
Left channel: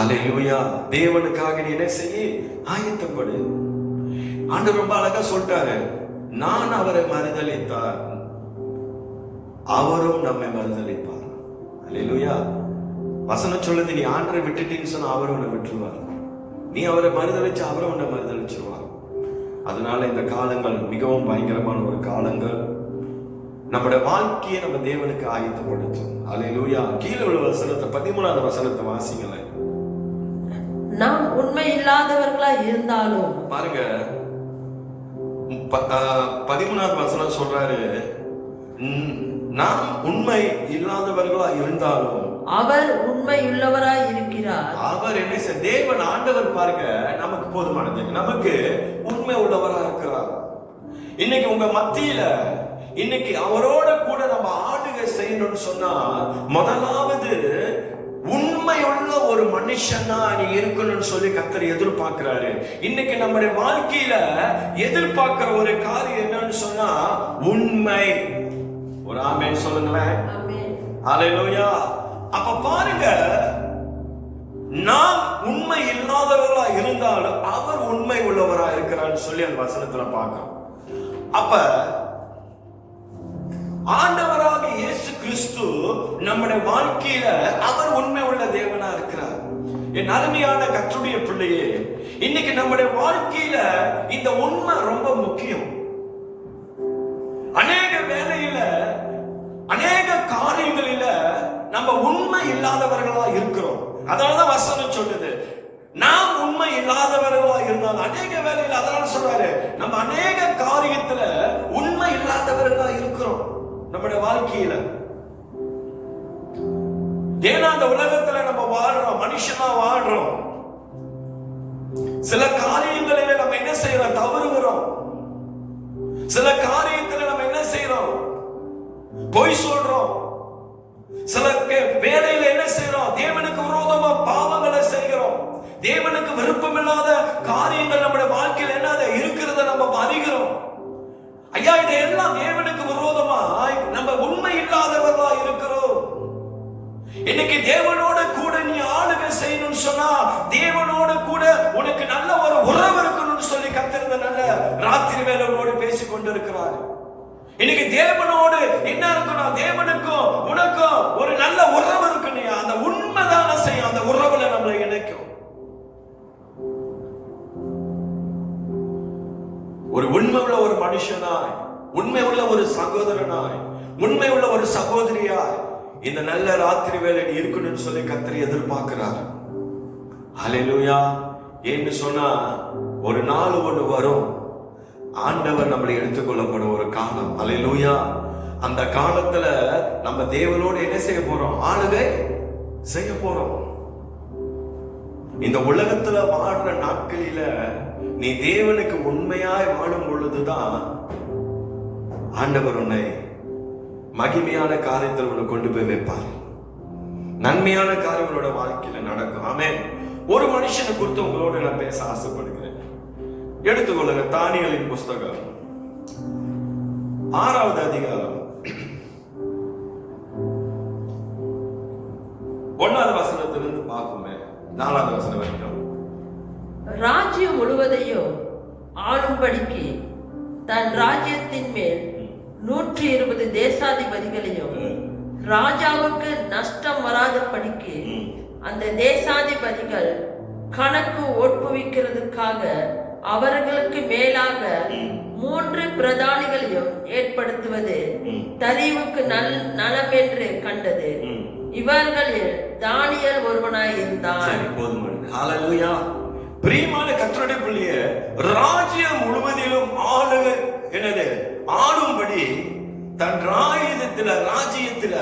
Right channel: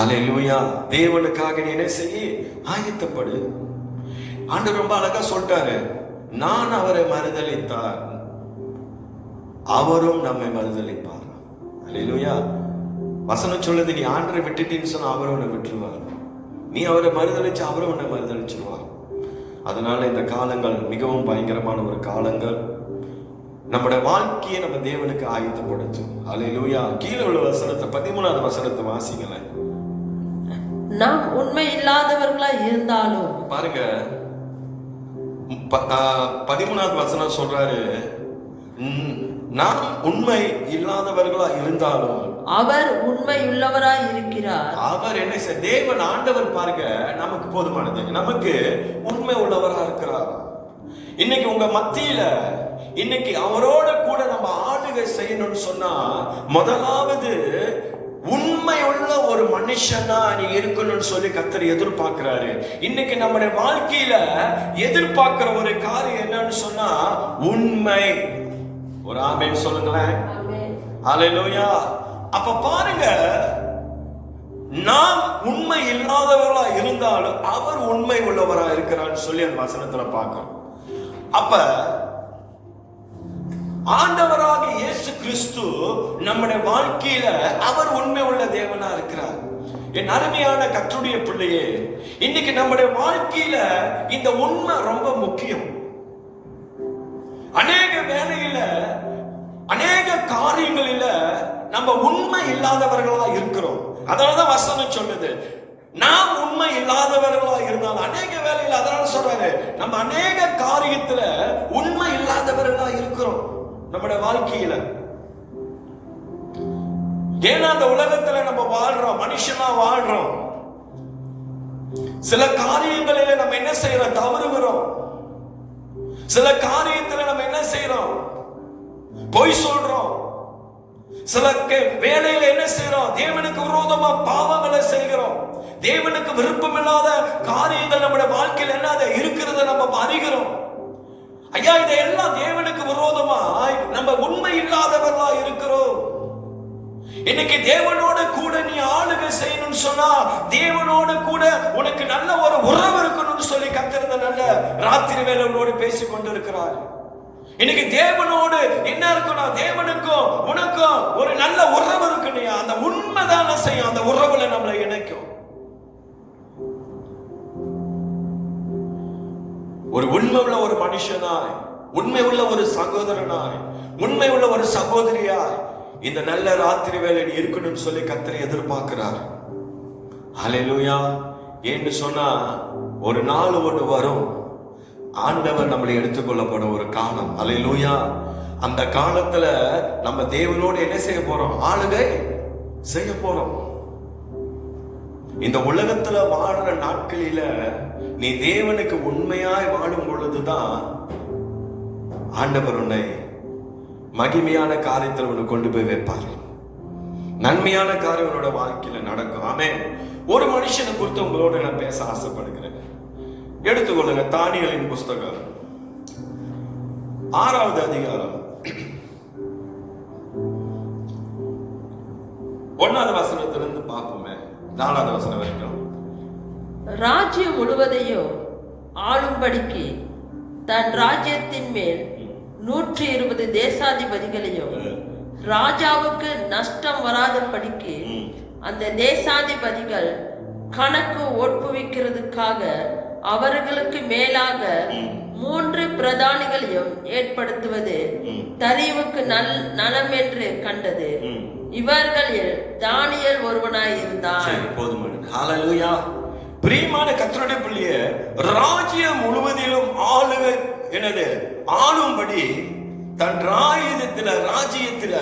அல்லேலூயா. தேவனுக்காக நீ என்ன செய்ய? ஆயத்தப்படு. ஆண்டவர் ரொம்ப அழகா சொல்லிட்டாரு, நான் அவரை மறுதலித்தார், அவரும் நம்மை மறுதலிப்பார். அல்லேலூயா. வசனம் சொல்லுது, நீ ஆண்டரை விட்டுட்டீன்னு சொன்னா அவரும் உன்னை விட்டுருவார், நீ அவரை மறுதலிச்சு அவரும் உன்னை மறுதலிச்சிருவார். அதனால இந்த காலங்கள் மிகவும் பயங்கரமான ஒரு காலங்கள். நம்முடைய வாழ்க்கையை நம்ம தேவனுக்கு ஆயத்தப்படுத்தும். அல்லேலூயா. கீழே உள்ள வசனத்தை 13வது வசனத்தை வாசிங்களேன். நாம் உண்மை இல்லாதவர்களா இருந்தாலும், பாருங்க 13வது வசனம் சொல்றாரு, நாம் உண்மை இல்லாதவர்களா இருந்தாலும் அவர் உண்மையுள்ளவராய் இருக்கிறார். அவர் என்ன செய்ய? தேவன் ஆண்டவர் பாருங்க நமக்கு போதுமானது, நமக்கு உண்மை உள்ளவரா இருக்கிறார். இன்னைக்கு உங்க மத்தியில இன்னைக்கு அவரோட கூட நம்ம ஆளுகை செய்யணும்னு சொன்னா, முதலாவது உண்மை உள்ள ஒரு மனுஷனா நீ இருக்கணும்னு சொல்லி கர்த்தர் எதிர்பார்க்கிறாரு. இன்னைக்கு நம்முடைய வாழ்க்கையில எதிர்பார்க்கிற ஒரு காரியம் என்னன்னு சொன்னா உண்மை. ஒரு ஆமென் சொல்லுங்களேன். ஹல்லேலூயா. அப்ப பாருங்க, நாம் உண்மை இல்லாதவர்களா இருந்தாலும் அவர் உண்மை உள்ளவரா இருக்கிறான்னு சொல்லி அந்த வசனத்துல பார்க்கிறோம். அப்ப ஆண்டவராக இயேசு கிறிஸ்து நம்முடைய வாழ்க்கையில அவர் உண்மை உள்ள தேவனா இருக்கிறார். என் அருமையான கர்த்தருடைய பிள்ளையே, இன்னைக்கு நம்முடைய வாழ்க்கையில இந்த உண்மை ரொம்ப முக்கியம். அநேக வேளையில அநேக காரியங்களில நம்ம உண்மை இல்லாதவர்களா இருக்கிறோம். அதனாலதான் வசனம் சொல்லுது, நாம் உண்மை இல்லாதவர்களா இருந்தால் அநேக வேலையில். அதனால சொல்றாரு, நம்ம அநேக காரியத்துல உண்மை இல்லாதவர்களா இருக்கிறோம் நம்முடைய வாழ்க்கையில. ஏன்னா அந்த உலகத்துல நம்ம வாழ்றோம், மனுஷனா வாழ்றோம். சில காரியங்களில நம்ம என்ன செய்யறோம்? தவறுகிறோம். சில காரியத்துல நம்ம என்ன செய்யறோம்? பொய் சொல்றோம். சில வேலையில என்ன செய்யறோம்? தேவனுக்கு விரோதமா பாவங்களை செய்கிறோம். தேவனுக்கு விருப்பமில்லாத காரியங்கள் நம்முடைய வாழ்க்கையில் என்ன இருக்கிறத நம்ம அறிகிறோம். ஐயா, இதையெல்லாம் தேவனுக்கு விரோதமா நம்ம உண்மை இல்லாதவர்களா இருக்கிறோம். இன்னைக்கு தேவனோட கூட நீ ஆளுகை செய்யணும்னு சொன்னா, தேவனோட கூட உனக்கு நல்ல ஒரு உறவு இருக்கணும்னு சொல்லி கர்த்தர் நல்ல ராத்திரி வேளை உன்னோடு பேசிக் கொண்டிருக்கிறார். இன்னைக்கு தேவனோடு என்ன இருக்கணும்? தேவனுக்கும் உனக்கும் ஒரு நல்ல உறவு இருக்கணும். அந்த உண்மைதான செய்யும், அந்த உறவுல நம்மளை இணைக்கும். ஒரு உண்மை உள்ள ஒரு மனுஷனாய், உண்மை உள்ள ஒரு சகோதரனாய், உண்மை உள்ள ஒரு சகோதரியாய் இந்த நல்ல ராத்திரி வேலை இருக்கணும்னு சொல்லி கர்த்தர் எதிர்பார்க்கிறார். ஹல்லேலூயா. என்று சொன்னா ஒரு நாள் ஒன்று வரும், ஆண்டவர் நம்மளை எடுத்துக்கொள்ளப்படும் ஒரு காலம். ஹல்லேலூயா. அந்த காலத்துல நம்ம தேவனோடு என்ன செய்ய போறோம்? ஆளுகை செய்ய போறோம். இந்த உலகத்துல வாழ்ற நாட்களில நீ தேவனுக்கு உண்மையாய் வாழும் பொழுதுதான் ஆண்டவர் உன்னை மகிமையான காரியத்தில் உன்னை கொண்டு போய் வைப்பார். நன்மையான காரியம் உன்னோட வாழ்க்கையில நடக்கும். ஆமென். ஒரு மனுஷனை குறித்து உங்களோட நான் பேச ஆசைப்படுகிறேன். எடுத்துக்கொள்ளுங்க தானியேலின் புஸ்தகம் 6வது அதிகாரம் 1வது வசனத்திலிருந்து பார்ப்போமே 4வது வசனம் வரைக்கும். ராஜ்யம் முழுவதையும் ஆளும்படிக்கு தன் ராஜ்யத்தின் மேல் 120 தேசாதிபதிகளையும் ராஜாவுக்கு நஷ்டம் வராதபடிக்கு அந்த தேசாதிபதிகள் கணக்கு ஒப்புவிக்கிறதுக்காக அவர்களுக்கு மேலாக 3 பிரதானிகளையும் ஏற்படுத்துவது தரிவுக்கு நலம் என்று கண்டது. இவர்களில் தானியேல் ஒருவனாய் இருந்தான். ஹல்லேலூயா. பிரியமான கர்த்தருடைய பிள்ளையே, ராஜ்யம் முழுவதிலும் ஆளும்படி தன் ராஜ்யத்துல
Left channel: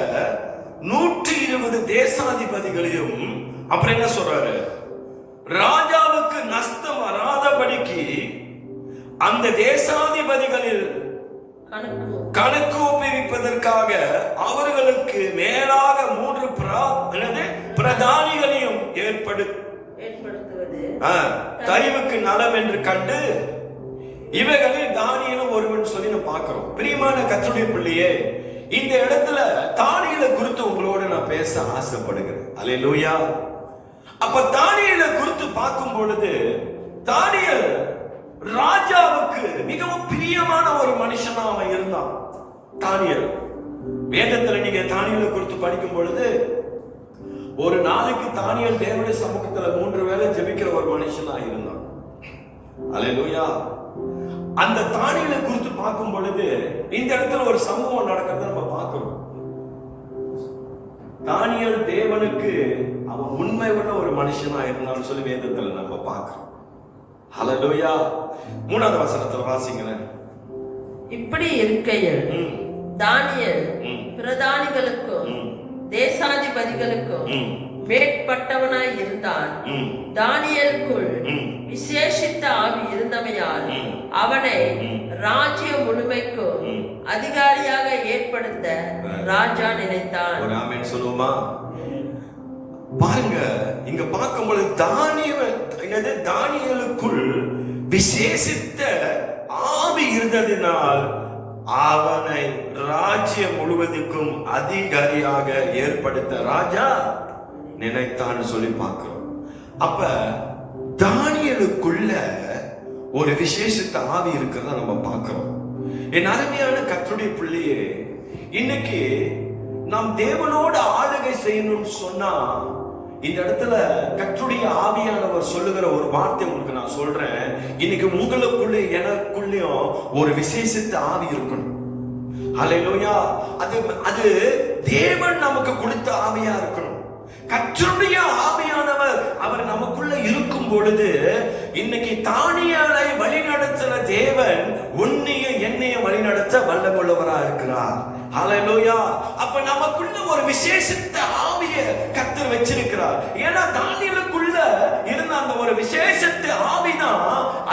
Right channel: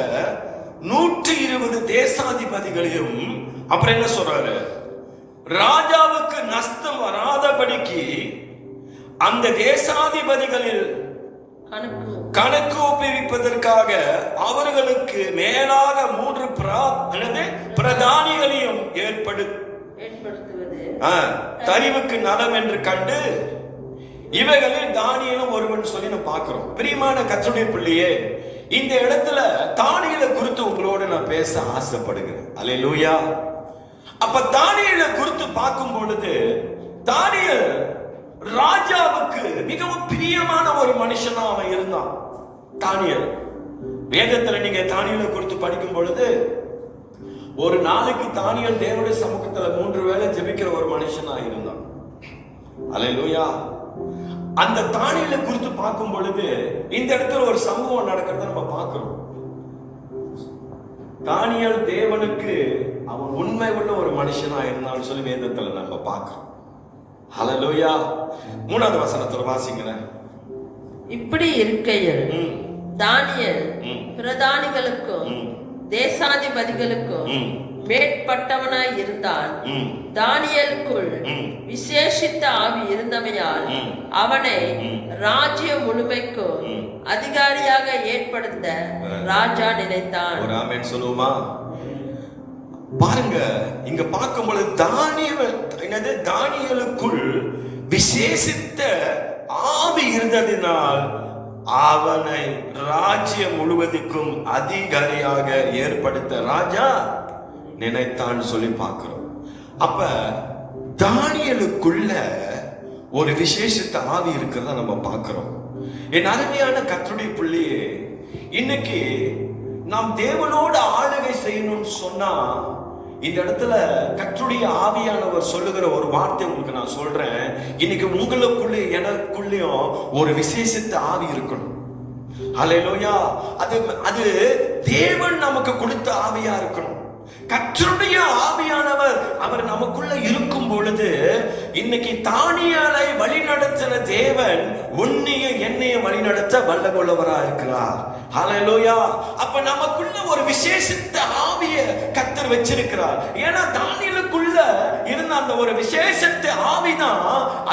120 தேசாதிபதிகளையும், அப்புறம் என்ன சொல்றாரு? ராஜாவுக்கு நஷ்டம் வராதபடிக்கு அந்த தேசாதிபதிகளில் கணக்கு ஒப்புவிப்பதற்காக அவர்களுக்கு மேலாக 3 பிரதானிகளையும் ஏற்படுத்துவது தரிவுக்கு நலம் என்று கண்டு இவைகளில் தானியேலும் ஒருவன் சொல்லி நம்ம பார்க்கிறோம். பிரியமான கர்த்தருடைய பிள்ளையே, இந்த இடத்துல தானியேலை குறித்து உங்களோடு நான் பேச ஆசைப்படுகிறேன். அல்லேலூயா. அப்ப தானியேலை குறித்து பார்க்கும் பொழுது, தானியேல் ராஜாவுக்கு மிகவும் பிரியமான ஒரு மனுஷனா அவன் இருந்தான். தானியேல் வேதத்துல நீங்க தானியேலை குறித்து படிக்கும் பொழுது, ஒரு நாளைக்கு தானியேல் தேவனுடைய சமூகத்துல 3 வேளை ஜெபிக்கிற ஒரு மனுஷனா இருந்தான். அல்லேலூயா. அந்த தானியேலை குறித்து பார்க்கும் பொழுது இந்த இடத்துல ஒரு சம்பவம் நடக்கிறத நம்ம பார்க்கிறோம். தானியேல் தேவனுக்கு அவன் உண்மை உள்ள ஒரு மனுஷனா இருந்தான்னு சொல்லி வேதத்துல நம்ம பார்க்கிறோம். ஹல்லேலூயா. 3வது வசனத்துல வாசிங்களேன். இப்படி இருக்கையில் தானியேல் பிரதானிகளுக்கும் தேசாதிபதிகளுக்கும் மேற்பட்டவனாய் இருந்தான். தானியேலுக்குள் விசேஷித்த ஆவி இருந்தமையால் அவனை ராஜ்யம் முழுமைக்கும் அதிகாரியாக ஏற்படுத்த ராஜா நினைத்தான். ஆமென் சொல்லுமா? பாருங்க, இங்க பார்க்கும்போது தானியேலுக்குள் விசேஷித்த ஆவி இருந்ததினால் அவனை ராஜ்யம் முழுவதுக்கும் அதிகாரியாக ஏற்படுத்த ராஜா நினைத்தான் சொல்லி பார்க்கிறோம். அப்ப தானியேலுக்குள்ள ஒரு விசேஷித்த ஆவி இருக்கிறத நம்ம பார்க்கிறோம். என் அருமையான கர்த்தருடைய பிள்ளையே, இன்னைக்கு நாம் தேவனோட ஆளுகை செய்யணும்னு சொன்னா, இந்த இடத்துல கர்த்தருடைய ஆவியானவர் சொல்லுகிற ஒரு வார்த்தை உங்களுக்கு நான் சொல்றேன். இன்னைக்கு உங்களுக்குள்ளே எனக்குள்ளேயும் ஒரு விசேஷித்த ஆவி இருக்கணும். ஹல்லேலூயா. அது அது தேவன் நமக்கு கொடுத்த ஆவியா இருக்கணும். கர்த்தருடைய ஆவியானவர் அவர் நமக்குள்ள இருக்கும் பொழுது இன்னைக்கு தானியேலை வழிநடத்தின தேவன் உன்னைய என்னைய வழிநடத்த வல்லமுள்ளவரா இருக்கிறார். ஹல்லேலூயா. அப்ப நமக்குள்ள ஒரு விசேஷித்த ஆவியை கர்த்தர் வச்சிருக்கிறார். ஏன்னா தானியேலுக்குள்ள இருந்த அந்த ஒரு விசேஷித்த ஆவிதான்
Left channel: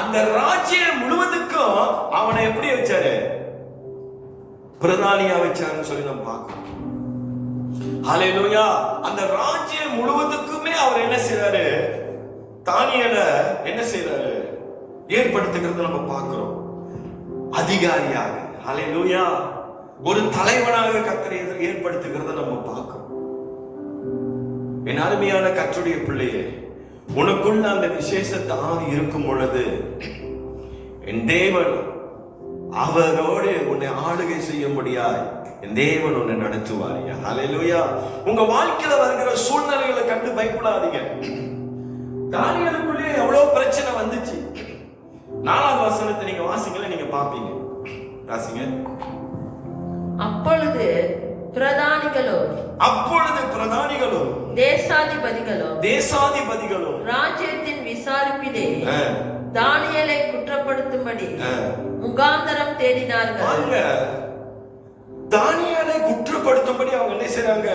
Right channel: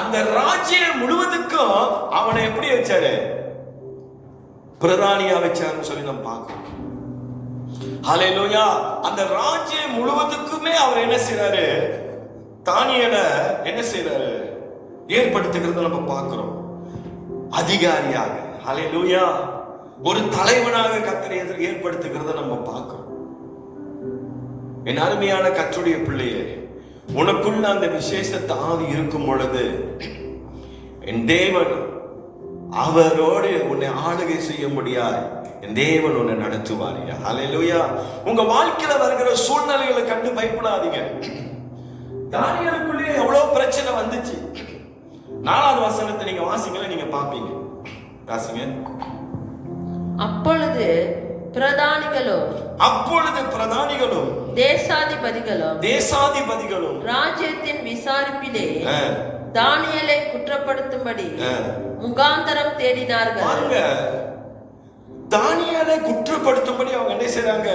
அந்த ராஜ்யம் முழுவதுக்கும் அவனை எப்படி வச்சாரு? பிரதானியா வச்சாருன்னு சொல்லி நம்ம பார்க்கணும். ஹல்லேலூயா. அந்த ராஜ்யம் முழுவதுக்குமே அவர் என்ன செய்றாரு? தானியேலை என்ன செய்றாரு? ஏற்படுத்துகிறத நம்ம பார்க்கிறோம். அதிகாரியாக, ஹல்லேலூயா, ஒரு தலைவனாக கர்த்தர் ஏற்படுத்துகிறத நம்ம பார்க்கிறோம். என் அருமையான கர்த்தருடைய பிள்ளையே, உனக்குள்ள அந்த விசேஷத்த ஆவி இருக்கும் பொழுது என் தேவன் அவரோடு உன்னை ஆளுகை செய்ய முடியாது. என் தேவன் உன்னை நடத்துவாரியா. ஹல்லேலூயா. உங்க வாழ்க்கையில வருகிற சூழ்நிலைகளை கண்டு பயப்படாதீங்க. தானியேலுக்குள்ளே எவ்வளவு பிரச்சனை வந்துச்சு. 4வது வசனத்தை நீங்க வாசிங்கள, நீங்க பாப்பீங்க. வாசிங்க. அப்பொழுது பிரதானிகளும் தேசாதிபதிகளும் ராஜ்யத்தின் விசாரிப்பிலே தானியேலை குற்றப்படுத்தும்படி முகாந்தரம் தேடினார்கள். தானியேலை குற்றப்படுத்தும்படி அவங்க என்ன செய்றாங்க?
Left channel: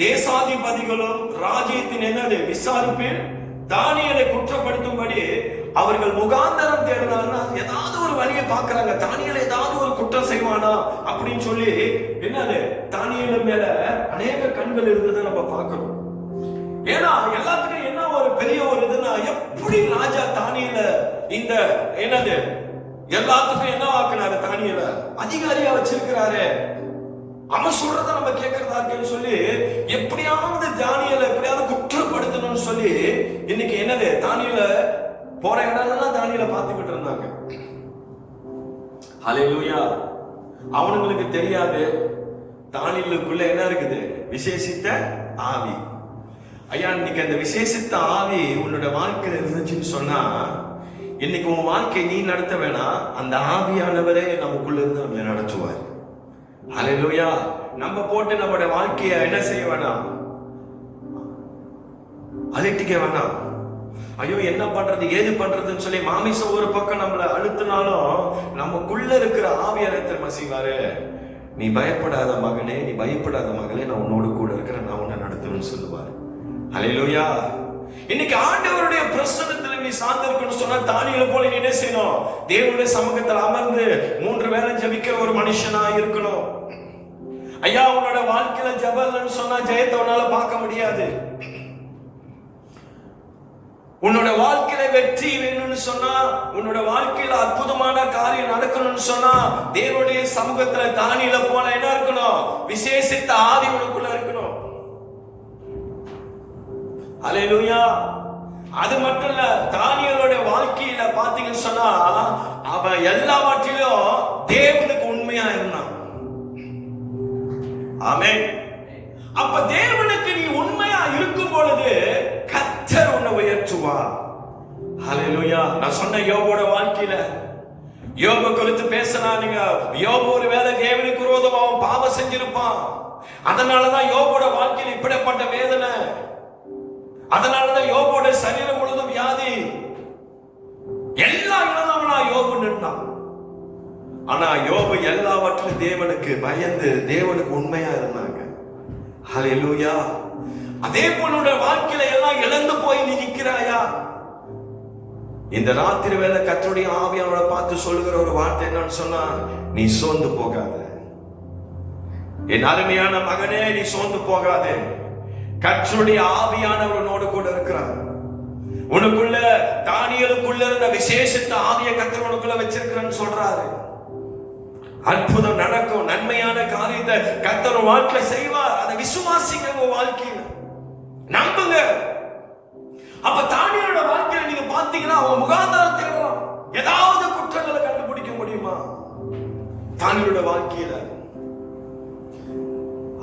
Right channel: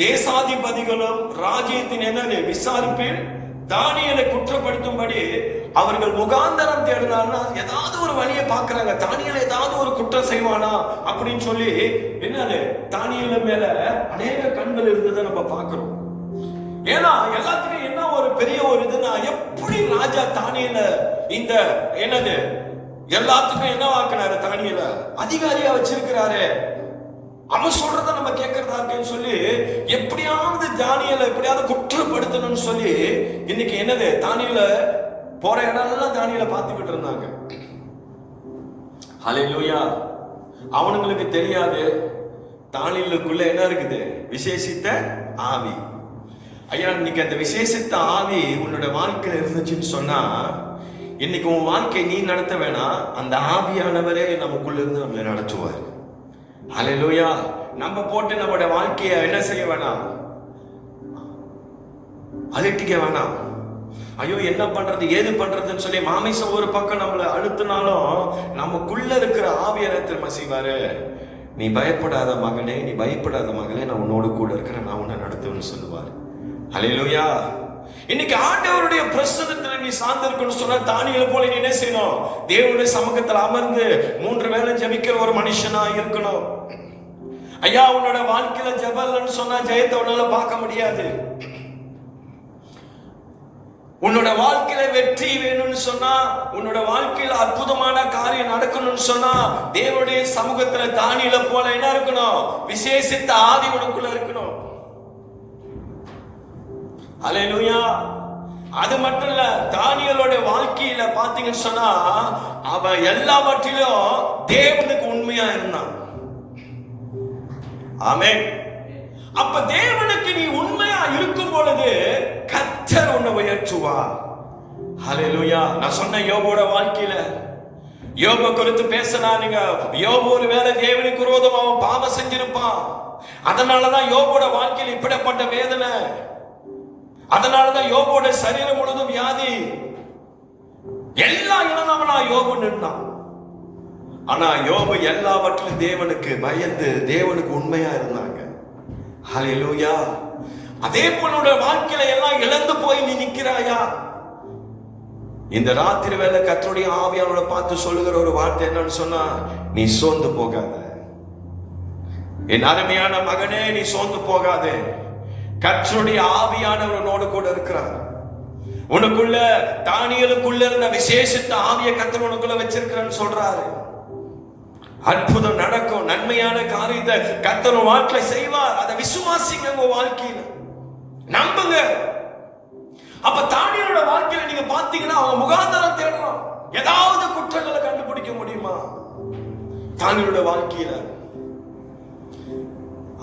தேசாதிபதிகளும் ராஜ்யத்தின் என்னது விசாரிப்பில் தானியேலை குற்றப்படுத்தும்படி அவர்கள் முகாந்தரம் தேடினாங்கன்னா ஏதாவது ஒரு வழியை பார்க்கறாங்க. தானியேல் ஏதாவது ஒரு குற்றம் செய்வானா அப்படின்னு சொல்லி என்னது தானியேல் மேல அநேக கண்கள் இருந்ததை நம்ம பார்க்கிறோம். ஏன்னா எல்லாத்துக்கும் என்ன ஒரு பெரிய ஒரு இதுனா, எப்படி ராஜா தானியேலை இந்த என்னது எல்லாத்துக்கும் என்ன வாக்குனாரு? தானியேலை அதிகாரியா வச்சிருக்கிறாரு. அவன் சொல்றத நம்ம கேட்கறதா இருக்குன்னு சொல்லி எப்படியாவது தானியேலை எப்படியாவது குற்றப்படுத்தணும்னு சொல்லி இன்னைக்கு என்னது தானியேலை போற இடம்லாம் தானியேலை பார்த்துக்கிட்டு இருந்தாங்க. ஹல்லேலூயா. அவனுங்களுக்கு தெரியாது தானியேலுக்குள்ள என்ன இருக்குது? விசேஷித்த ஆவி. ஐயா, இன்னைக்கு அந்த விசேஷித்த ஆவி உன்னோட வாழ்க்கையில இருந்துச்சுன்னு சொன்னா இன்னைக்கு உன் வாழ்க்கை நீ நடத்த வேணாம், அந்த ஆவியானவரே நமக்குள்ள இருந்து நம்மளை நடத்துவார். ஹல்லேலூயா. நம்ம போட்டு நம்மளுடைய வாழ்க்கையை என்ன செய்ய வேணாம்? அலட்டிக்க வேணாம். ஐயோ என்ன பண்றது ஏது பண்றதுன்னு சொல்லி மாமிசம் ஒரு பக்கம் நம்மளை அழுத்தினாலும் நமக்குள்ள இருக்கிற ஆவியானவர் திரும்ப செய்வாரு. நீ பயப்படாத மகனே, நீ பயப்படாத மகளே, நான் உன்னோடு கூட இருக்கிற நான் உன்னை நடத்துவேன்னு சொல்லுவார். ஹல்லேலூயா. இன்னைக்கு ஆண்டவருடைய பிரசன்னத்துல நீ சார்ந்திருக்கணும்னு சொன்னா தானியேல் போல நீ என்ன செய்யணும்? தேவனுடைய சமூகத்தில் அமர்ந்து 3 வேளை ஜெபிக்கிற ஒரு மனுஷனா இருக்கணும். ஐயா, உன்னோட வாழ்க்கையில ஜெபம்னு சொன்னா ஜெயத்தை உன்னால பார்க்க முடியாது. உன்னோட வாழ்க்கையில வெற்றி வேணும்னு சொன்னா, உன்னோட வாழ்க்கையில அற்புதமான காரியம் நடக்கணும்னு சொன்னா தேவனுடைய சமூகத்துல தானியேலை போல என்ன இருக்கணும்? விசேஷித்த ஆவி உனக்குள்ள இருக்கணும். ஹல்லேலூயா. அது மட்டும் இல்ல, தானியேலோட வாழ்க்கையில பாத்தீங்கன்னு சொன்னா அவன் எல்லாவற்றிலும் தேவனுக்கு உண்மையா இருந்தான். ஆமென். அப்ப தேவனுக்கு நீ உண்மையா இருக்கும் பொழுது கர்த்தர் உன்னை உயர்த்துவார். ஹல்லேலூயா. நான் சொன்ன யோபோட வாழ்க்கையில யோபு குறித்து பேசினா, நீங்க யோபு ஒரு வேளை தேவனுக்கு விரோதமா பாவம் செஞ்சிருப்பான். அதனாலதான் யோபோட வாழ்க்கையில் இப்படிப்பட்ட வேதனை. அதனாலதான் யோபோட சரீரம் முழுவதும் வியாதி. எல்லாம் இழந்தவனா யோபு நின்றான். ஆனா யோபு எல்லாவற்றிலும் தேவனுக்கு பயந்து தேவனுக்கு உண்மையா இருந்தாங்க. ஹல்லேலூயா. அதே போல வாழ்க்கையில எல்லாம் இழந்து போய் நீ நிற்கிறாயா? இந்த ராத்திரி வேளை கர்த்தருடைய ஆவியானவரை பார்த்து சொல்லுகிற ஒரு வார்த்தை என்னன்னு சொன்னா, நீ சோர்ந்து போகாத. என் அருமையான மகனே, நீ சோர்ந்து போகாதே. கர்த்தருடைய ஆவியானவர் உன்னோடு கூட இருக்கிறார். உனக்குள்ள தானியேலுக்குள்ள இருந்த விசேஷத்த ஆவியை கர்த்தர் உனக்குள்ள வச்சிருக்கிறேன்னு சொல்றாரு. அற்புதம் நடக்கும். நன்மையான காரியத்தை கர்த்தர் வாழ்க்கை செய்வார். அதை விசுவாசிங்க. உங்க வாழ்க்கையில நம்புங்க. அப்ப தானியேலோட வாழ்க்கையில நீங்க பாத்தீங்கன்னா அவங்க முகாந்தரம் தேடுறோம். ஏதாவது குற்றங்களை கண்டுபிடிக்க முடியுமா தானியேலோட வாழ்க்கையில?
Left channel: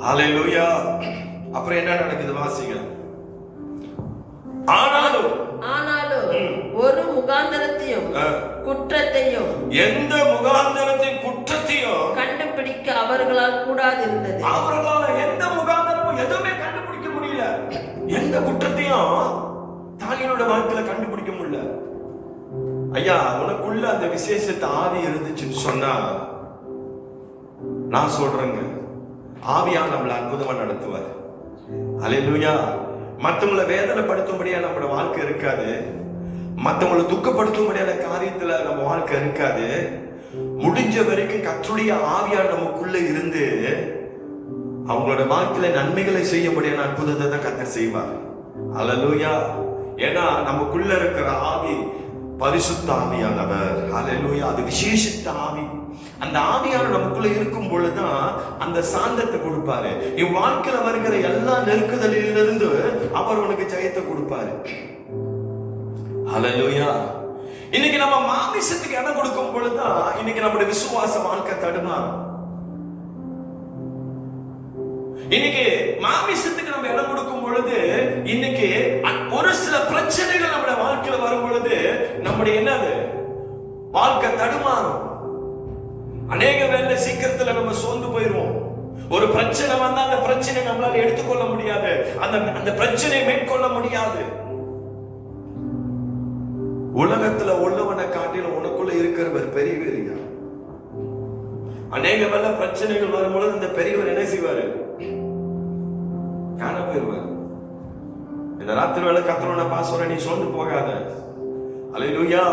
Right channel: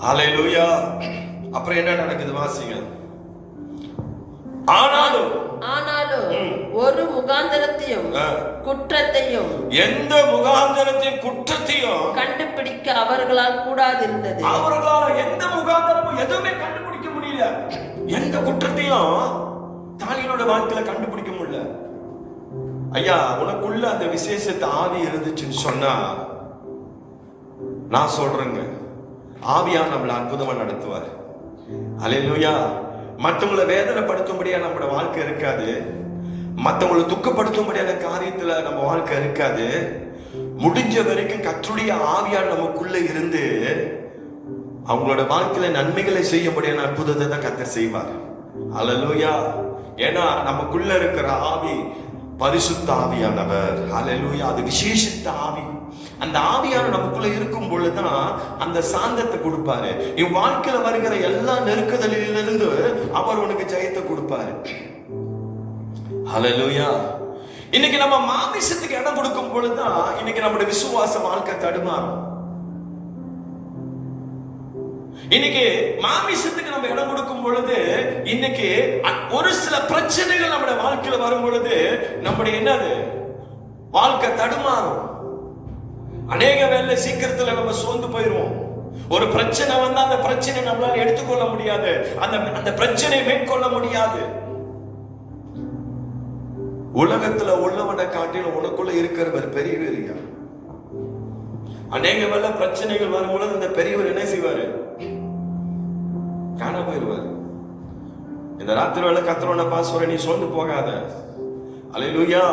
ஹல்லேலூயா. அப்புறம் என்ன நடக்குது வாசிங்க. ஆனாலும் ஒரு முகாந்தரத்தையும் குற்றத்தையும் எந்த முகாந்தரத்தின் குற்றத்தையும் கூடாது இருந்தது. அவர்களால் எந்த முகாந்திரமும் எதுவுமே கண்டுபிடிக்க முடியல. எந்த குற்றத்தையும் தானியேலோட வாழ்க்கையில கண்டுபிடிக்க முடியல. ஐயா, உனக்குள்ள அந்த விசேஷத்தை ஆவி இருந்துச்சுன்னு சொன்னா, நான் சொல்றேங்க, ஆவியா நம்மள அற்புதமா நடத்துவார். அல்லேலூயா. மற்றவங்களை வேதனைப்படுத்தும்படியா நம்மளோட வாழ்க்கை இருக்காது. மற்றவங்களை துக்கப்படுத்தும்படியான காரியத்துல நம்ம வாழ்க்கை இருக்காது. முடிஞ்ச வரைக்கும் கர்த்தருடைய ஆவியா நமக்குள்ள இருந்து அவங்களோட வாழ்க்கையில நன்மைகளை செய்ய முடியாத அற்புதத்தை தான் கர்த்தர் செய்வார். அல்லேலூயா. ஏன்னா நமக்குள்ள இருக்கிற ஆவி பரிசுத்த ஆவியானவர். அல்லேலூயா. அது விசேஷித்த ஆவி. அந்த ஆவியான நமக்குள்ள இருக்கும் பொழுதுதான் அந்த சாந்தத்தை கொடுப்பாரு. இவ் வாழ்க்கையில வருகிற எல்லா நெருக்குதலிலிருந்து அவர் உனக்கு ஜெயத்தை கொடுப்பாரு. ஹல்லேலூயா. இன்னைக்கு நம்ம மாமிசத்துக்கு இடம் கொடுக்கும் பொழுதுதான் இன்னைக்கு நம்முடைய விசுவாச வாழ்க்கை தடுமாறும். இன்னைக்கு மாமிசத்துக்கு நம்ம இடம் கொடுக்கும் பொழுது இன்னைக்கு ஒரு சில பிரச்சனைகள் நம்முடைய வாழ்க்கையில வரும் பொழுது நம்முடைய என்னது வாழ்க்கை தடுமாறும். அநேக வேலை சீக்கிரத்துல நம்ம சோர்ந்து போயிருவோம். ஒரு பிரச்சனை வந்தா அந்த பிரச்சனை நம்மளால எடுத்துக்கொள்ள முடியாது. அந்த பிரச்சனையை மேற்கொள்ள முடியாது. உலகத்துல உள்ளவனை காட்டிலும் உனக்குள்ள இருக்கிறவர் பெரியவர். அநேக வேலை பிரச்சனைகள் வரும்போது அந்த பெரியவர் என்ன செய்வாரு? காண போயிருவார். இந்த ராத்திரி வேலை கர்த்தரோட பாசுர நீ சொல்லு போகாத. அல்லேலூயா.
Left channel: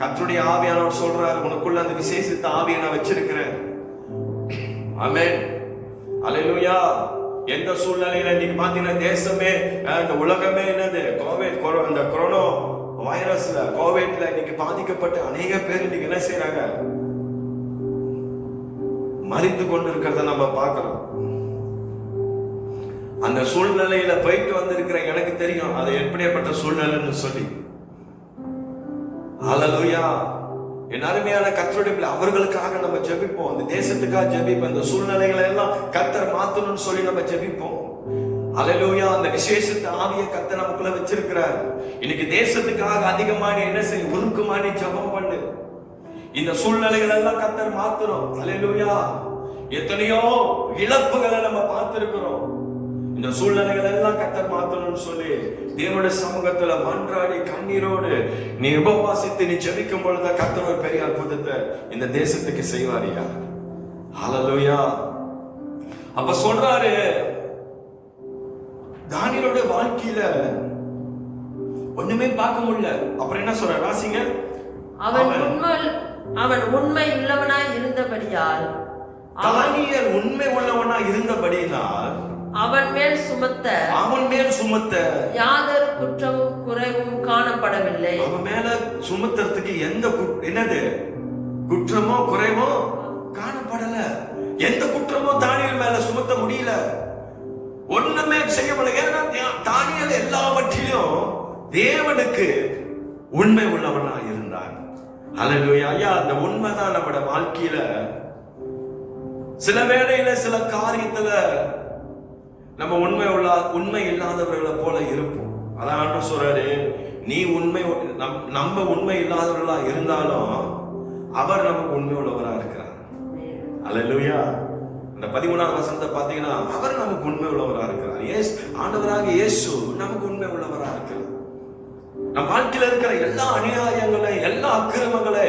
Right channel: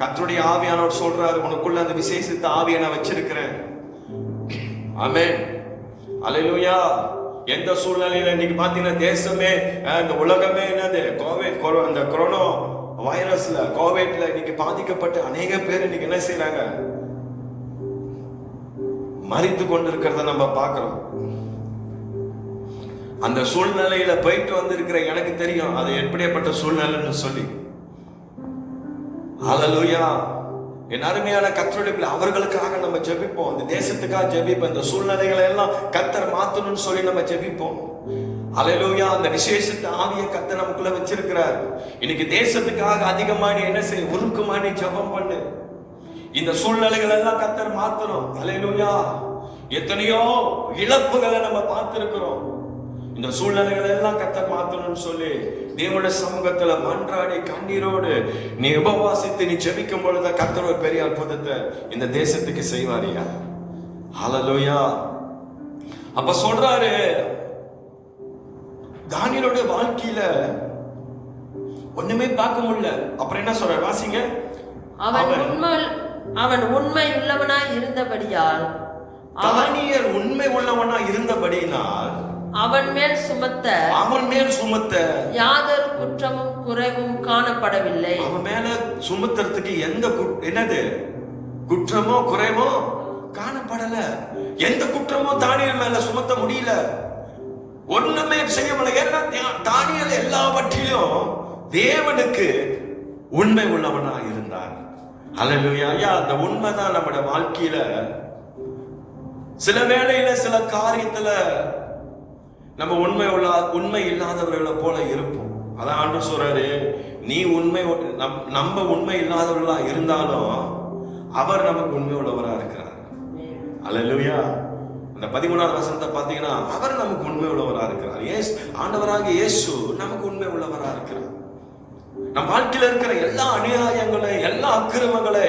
கர்த்தருடைய ஆவியானவர் சொல்றாரு, உனக்குள்ள அந்த விசேஷித்த ஆவியை நான் வச்சிருக்கிறேன். ஆமென். அல்லேலூயா. எந்த சூழ்நிலையில இன்னைக்கு பாத்தீங்கன்னா தேசமே இந்த உலகமே என்னது அந்த கொரோனா வைரஸ்ல கோவிட்ல இன்னைக்கு பாதிக்கப்பட்ட அநேக பேர் இன்னைக்கு என்ன செய்யறாங்க? மரித்து கொண்டிருக்கிறத நம்ம பார்க்கிறோம். அந்த சூழ்நிலையில போயிட்டு வந்திருக்கிற எனக்கு தெரியும் அது எப்படிப்பட்ட சூழ்நிலைன்னு சொல்லி. ஹல்லேலூயா. என் அருமையான கர்த்தருடைய பிள்ளை, அவர்களுக்காக நம்ம ஜெபிப்போம். அந்த தேசத்துக்காக ஜெபிப்போம். அந்த சூழ்நிலைகளை எல்லாம் கர்த்தர் மாத்தணும்னு சொல்லி நம்ம ஜெபிப்போம். ஹல்லேலூயா. அந்த விசேஷத்தை ஆவியை கர்த்தர் நமக்குள்ள வச்சிருக்கிறார். இன்னைக்கு தேசத்துக்காக அதிகமாக என்ன செய்ய உருக்கமாடி ஜெபம் பண்ணு. இந்த சூழ்நிலைகள் எல்லாம் கர்த்தர் மாத்தணும். ஹல்லேலூயா. எத்தனையோ இழப்புகளை நம்ம பார்த்திருக்கிறோம். இந்த சூழ்நிலைகள் எல்லாம் கர்த்தர் மாத்தணும்னு சொல்லி தேவனுடைய சமூகத்துல மன்றாடி கண்ணீரோடு நீ உபவாசித்து நீ ஜெபிக்கும் பொழுது கர்த்தர் ஒரு பெரிய அற்புதத்தை இந்த தேசத்துக்கு செய்வாரியா. ஹல்லேலூயா. அப்ப சொல்றாரு, தானியேலோட வாழ்க்கையில ஒண்ணுமே பார்க்க முடியல. அப்புறம் என்ன சொல்ற? வாசிங்க. அவன் உண்மை உள்ளவனாய் இருந்தபடியால், தானியேல் உண்மை உள்ளவனாய் இருந்தபடியினால் அவன் மேல் சுமத்த யாதொரு குற்றமும் குறைவும் காணப்படவில்லை. அவன் மேல சுமத்துறதுக்கு எந்த என்னது குற்றமோ குறைவோ காணப்படல. எந்த குற்றமோ தானியேல் மேல சுமத்த முடியல. ஒண்ணுமே செய்ய முடியல. தானியேல் எல்லாவற்றிலும் தேவனுக்கு உண்மை உள்ளவனா இருந்தார். ஹல்லேலூயா. ஐயா, அந்த உண்மைதான் நம்முடைய வாழ்க்கையில சில வேளையில சில காரியத்துல நம்ம உண்மை இல்லாதவர்களை போல இருப்போம். அதான் சொல்றாரு, நீ நம்ம உண்மை இல்லாதவர்களா இருந்தாலும் அவர் நமக்கு உண்மை உள்ளவரா இருக்கிறார். அல்லேலூயா. இந்த 13ஆம் வசனத்தை பாத்தீங்கன்னா அவர் நமக்கு உண்மை உள்ளவரா இருக்கிறார். ஆண்டவராக இயேசு நமக்கு உண்மை உள்ளவரா இருக்கிறார். நம் வாழ்க்கையில இருக்கிற எல்லா அநியாயங்களை எல்லா அக்கிரமங்களை